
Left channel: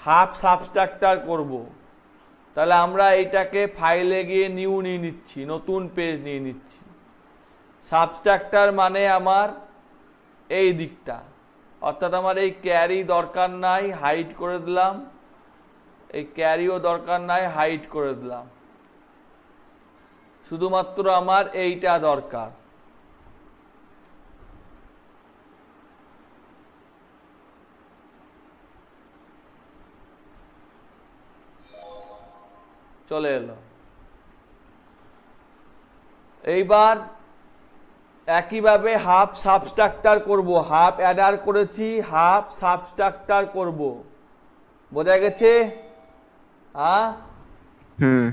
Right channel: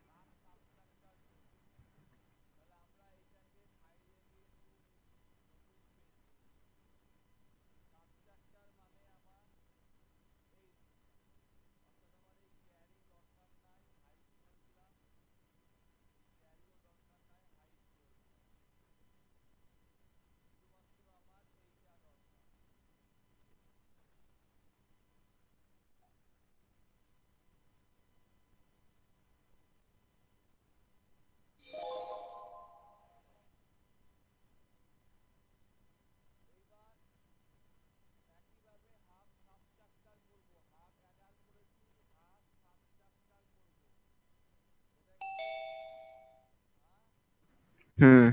হাফ সাবট্রাক্টর করব। তাহলে আমরা এইটাকে ফাইলে গিয়ে নিউ নিয়ে নিচ্ছি, নতুন পেজ নিয়ে নিচ্ছি। সাবট্রাক্টর মানে আমার এই দিকটা, অর্থাৎ আমার এই ক্যারি দরকার নাই, হাইড করে দিলাম, এই ক্যারিও দরকার নাই, হাইড করে দিলাম, শুধুমাত্র আমার এইটা দরকার। চলে এলো। এইবার একইভাবে হাফ সাবট্রাক্টর করব, হাফ অ্যাডার করেছি, হাফ সাবট্রাক্টর করব, বোঝা গেছে? হ্যাঁ, হুম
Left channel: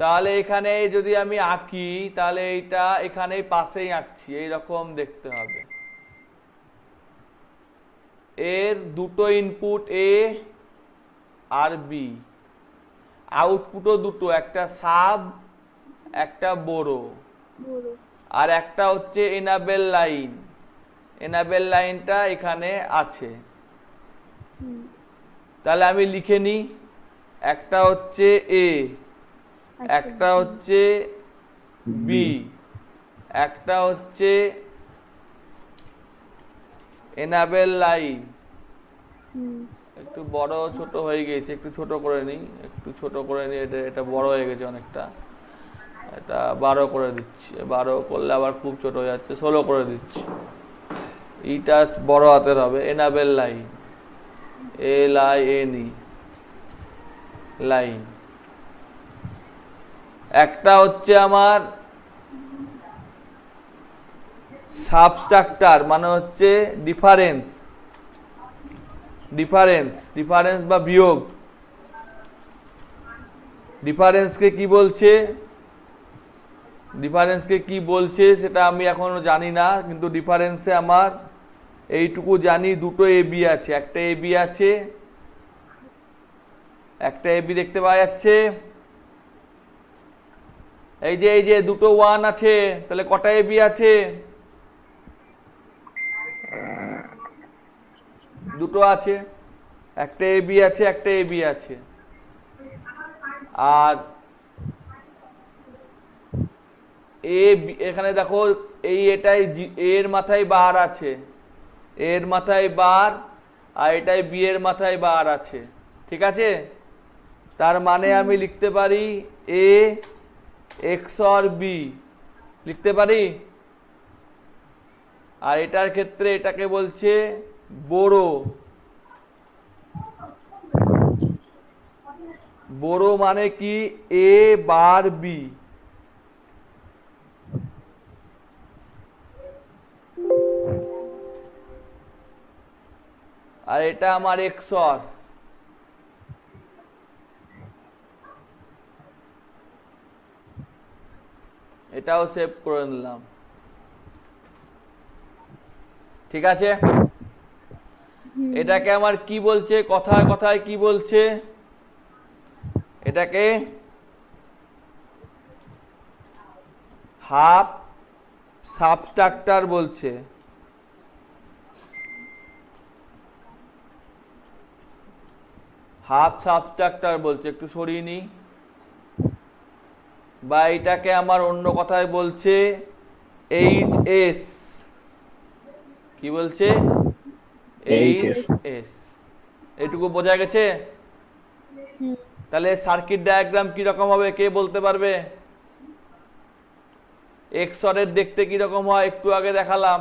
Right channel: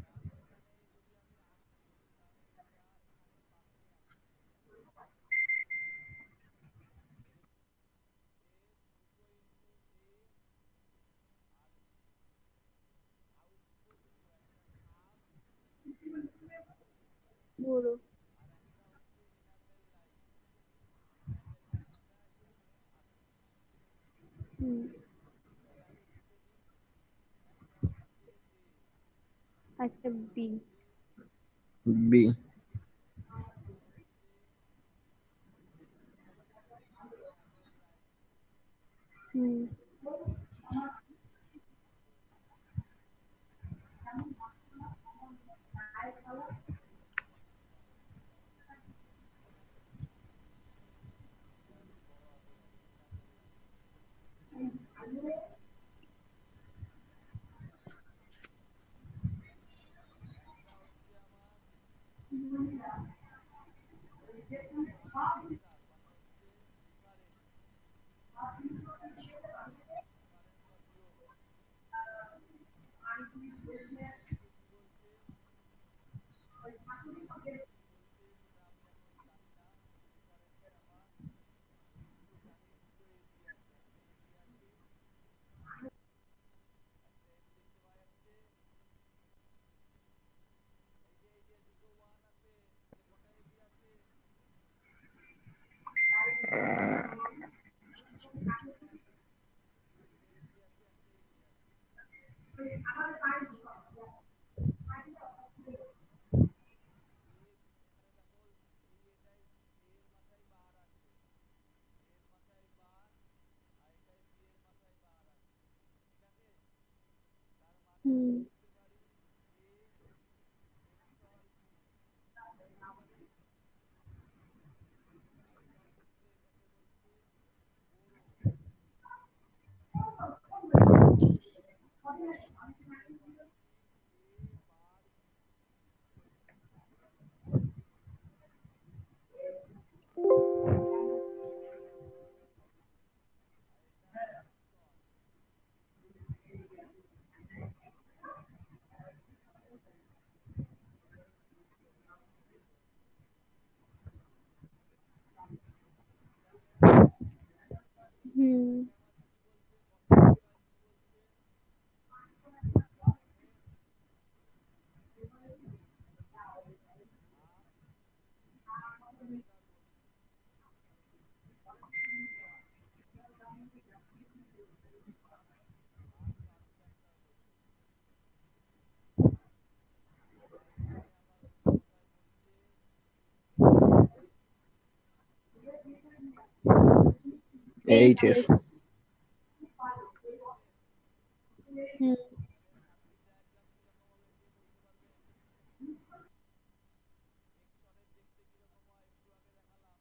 তাহলে এখানে যদি আমি আঁকি তাহলে এইটা এখানে পাশেই আঁকছি, এইরকম দেখতে হবে। এর দুটো ইনপুট এ আর বি, আউটপুটও দুটো, একটা সাব একটা বড়, বড় আর একটা হচ্ছে এনাবেল লাইন। এনাবেল লাইনটা এখানে আছে। হুম তাহলে আমি লিখে নিই, একটা হচ্ছে এ, একটা হচ্ছে বি, একটা হচ্ছে এনাবেল লাইন। হুম একটু বড় ছোট হয়ে গেছে, একটু ছোট করে নিই, একটু ছোট করে নিই, এটা বড় হয়ে গেছে অনেকটা, এটা 12 করে দিচ্ছি। 12 করলে আবার খুব ছোট হয়ে যাচ্ছে, 16 করে দিচ্ছি। ইটা বড় হাতের হবে, এনাবেল লাইন, LINE লাইন। একটা হচ্ছে আমার সাবস্ট্রাক্টর মানে হচ্ছে ডিফারেন্স, ডিফারেন্স বা বিয়োগ। ডিফারেন্সকে কি বলছে সেটা আমি এখনো জানি না, কিন্তু ডিফারেন্সে আমার এইটুকু জানি, দুটো এবি আছে, একটা এবি আছে, একটা এবি দেখতে পাওয়া যাচ্ছে। এই যে দুটো ওয়ান আছে, তাহলে কটা এবি আছে? দুটো আছে, একটা এবি আছে, একটা এবি আছে। আর এখানে দেখো এটাই এর মাথায় বার আছে, এর মাথায় বার, আর এটাই বি এর মাথায় বার আছে, ঠিক আছে? তার মানে আমি লিখতে পারি এ XOR বি, লিখতে পারি। আর এটার ক্ষেত্রে এটাকে বলছে বড়, বড় মানে কি এ বার বি। আর এটা আমার XOR, এটাও সেভ করে নিলাম, ঠিক আছে? এটাকে আমার কি বলছে, কথায় কথায় কি বলছে? এটাকে হাফ সাবট্রাক্টর বলছে। হাফ সাবট্রাক্টর বলছে, একটু সরিয়ে নি। বা এটাকে আমার অন্য কথায় বলছে HS, কি বলছে? HS HS। এইটুকু বোঝা গেছে? হুম। তাহলে সার্কিট ডায়াগ্রাম কি রকম হবে কে বলতে পারবে? এক্সরের দেখতে কি রকম হয় একটু আগে দেখালাম।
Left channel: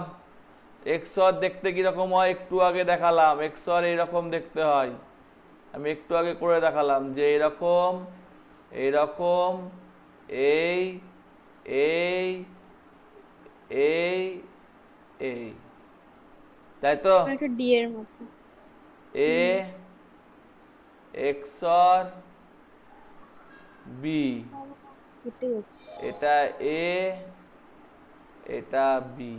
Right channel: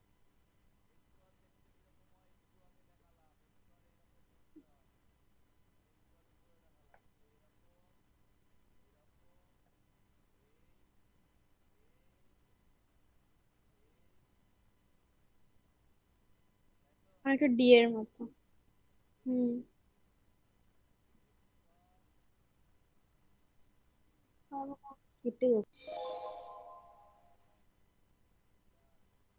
এক্সর দেখতে কি রকম হয় একটু আগে দেখালাম। এক্সর এইরকম দেখতে হয়, আমি একটু আগে করে দেখালাম যে এরকম, এইরকম, এই এই এই এই, তাই তো? একটা ডি এর মতো। এ এক্সর বি, কেটে যাচ্ছে। এটা এ, এটা বি।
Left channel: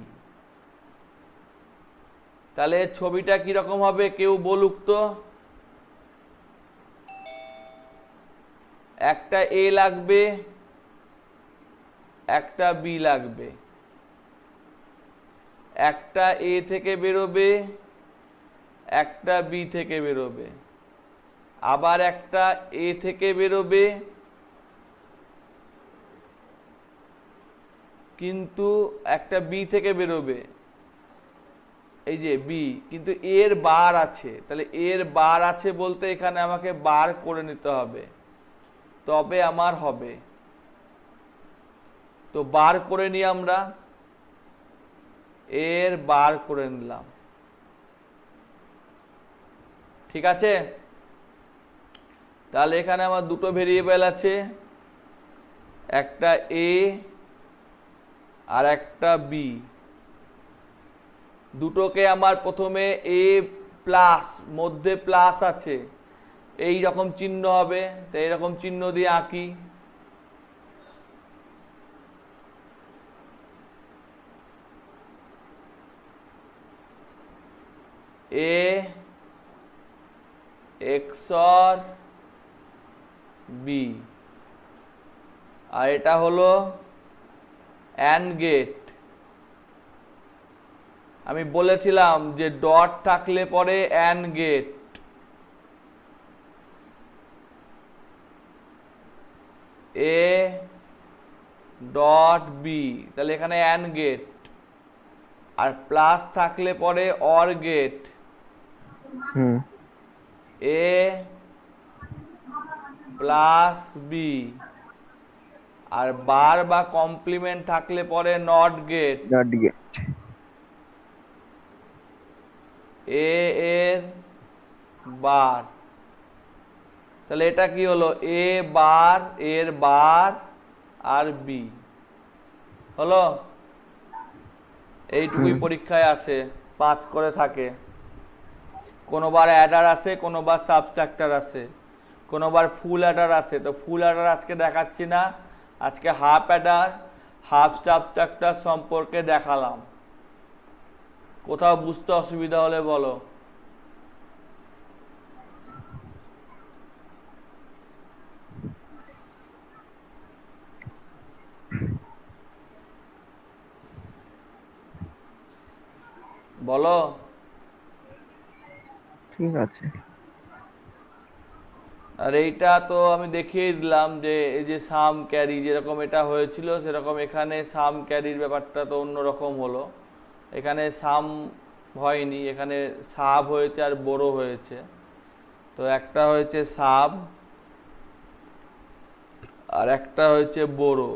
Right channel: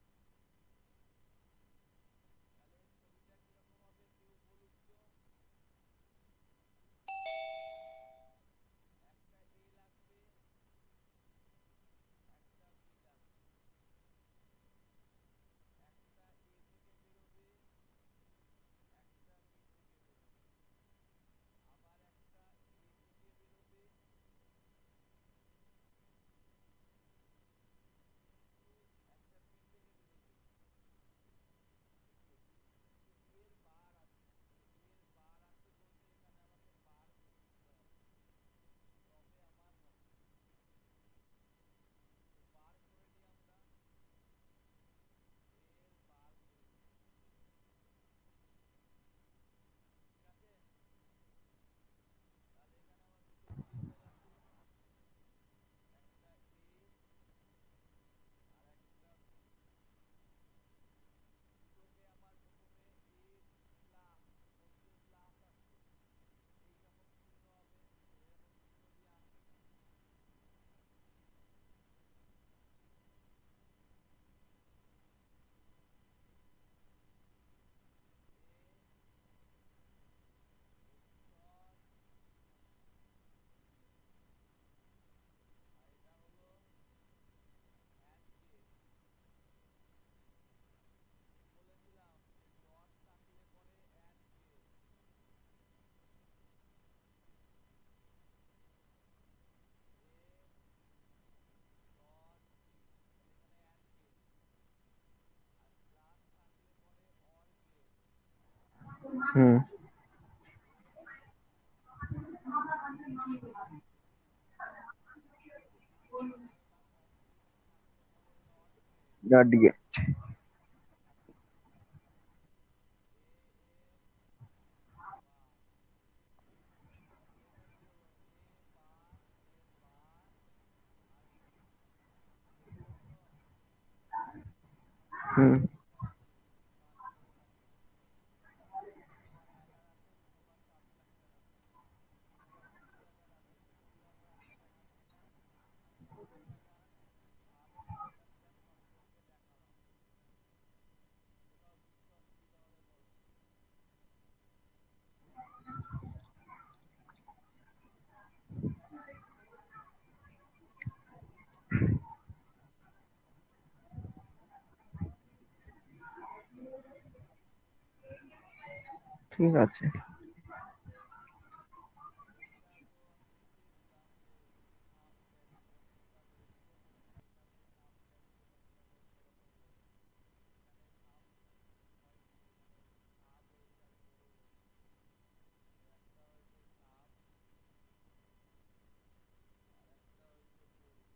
তাহলে ছবিটা কিরকম হবে কেউ বলুক তো। একটা এ লাগবে, একটা বি লাগবে, একটা এ থেকে বেরোবে, একটা বি থেকে বেরোবে, আবার একটা এ থেকে বেরোবে, কিন্তু একটা বি থেকে বেরোবে, এই যে বি, কিন্তু এর বার আছে। তাহলে এর বার আছে বলতে এখানে আমাকে বার করে নিতে হবে, তবে আমার হবে। তো বার করে নিই আমরা, এর বার করে নিলাম, ঠিক আছে? তাহলে এখানে আমার দুটো ভেরিয়েবল আছে, একটা এ আর একটা বি। দুটোকে আমার প্রথমে এ প্লাস, মধ্যে প্লাস আছে, এই রকম চিহ্ন হবে, তো এইরকম চিহ্ন দিয়ে আঁকি। এ এক্সর বি, আর এটা হলো অ্যান্ড গেট। আমি বলেছিলাম যে ডট থাকলে পরে and gate, A dot B, তাহলে এখানে অ্যান্ড গেট। আর প্লাস থাকলে পরে or gate, hmm A plus B. আর বার বা কমপ্লিমেন্ট থাকলে পরে not gate, dot gate A এর বার। তাহলে এটা কি হলো? এ বার, এর বার আর বি হলো। এইটুকুই পরীক্ষায় আসে, 5 করে থাকে। কোনোবার অ্যাডার আসে, কোনোবার সাবট্রাক্টর আসে, কোনোবার ফুল অ্যাডার আসে। তো ফুল অ্যাডার আজকে দেখাচ্ছি না, আজকে হাফ অ্যাডার, হাফ সাবট্রাক্টর সম্পর্কে দেখালাম। কোথাও বুঝতে অসুবিধা হলে বলো। বলো। ঠিক আছে। আর এইটা তো আমি দেখিয়ে দিলাম যে এই যে সাম ক্যারি যেরকম এটা হয়েছিল সেরকম এখানে সাম ক্যারির ব্যাপারটা তো অন্যরকম হলো। এখানে সাম হয়নি, এখানে সাব হয়েছে আর বড়ো হয়েছে। তো একটা হয়েছে সাব আর একটা হয়েছে বড়ো।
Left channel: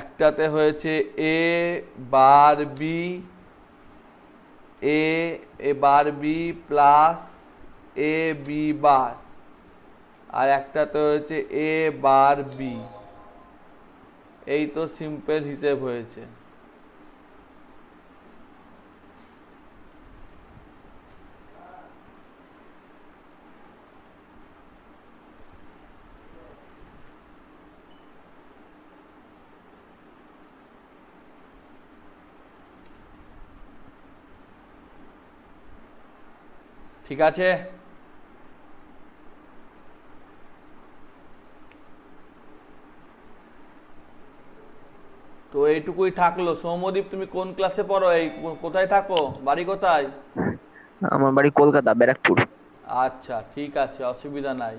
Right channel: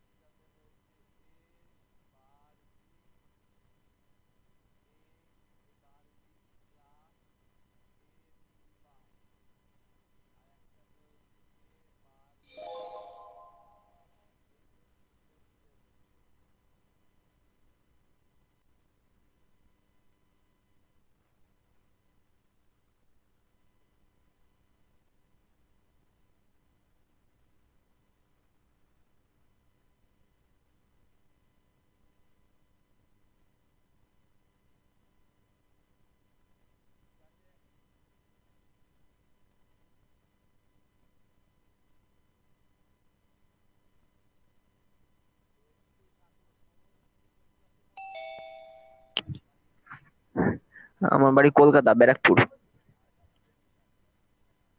একটাতে হয়েছে এ বার B, A bar B plus A B বার, আর একটাতে হয়েছে এ বার বি। এই তো সিম্পল হিসেব হয়েছে। ঠিক আছে? তো এইটুকুই থাকলো। সৌম্যদীপ তুমি কোন ক্লাসে পড়ো? এই কোথায় থাকো? বাড়ি কোথায়? আমার বাড়ি কলকাতা, ব্যারাকপুর। আচ্ছা ঠিক আছে, অসুবিধা নাই।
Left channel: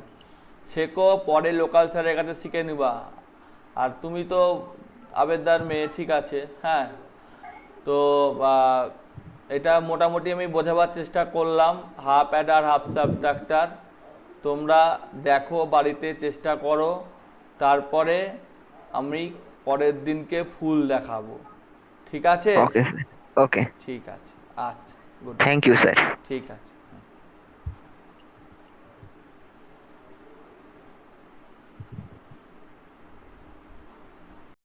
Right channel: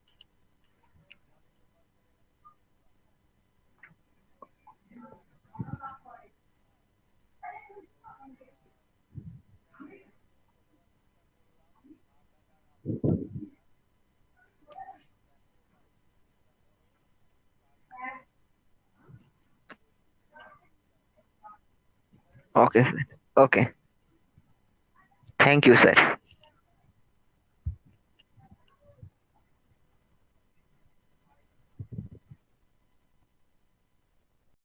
শেখো, পরে লোকাল স্যারের কাছে শিখে নিবা। আর তুমি তো আবেদদার মেয়ে, ঠিক আছে, হ্যাঁ। তো আহ, এটা মোটামুটি আমি বোঝাবার চেষ্টা করলাম, হাফ অ্যাডার হাফ সাবট্রাক্টর। তোমরা দেখো, বাড়িতে চেষ্টা করো, তারপরে আমি পরের দিনকে ফুল দেখাবো। ঠিক আছে? ওকে স্যার, ওকে, ঠিক আছে, আচ্ছা, গুড। Thank you sir. ঠিক আছে।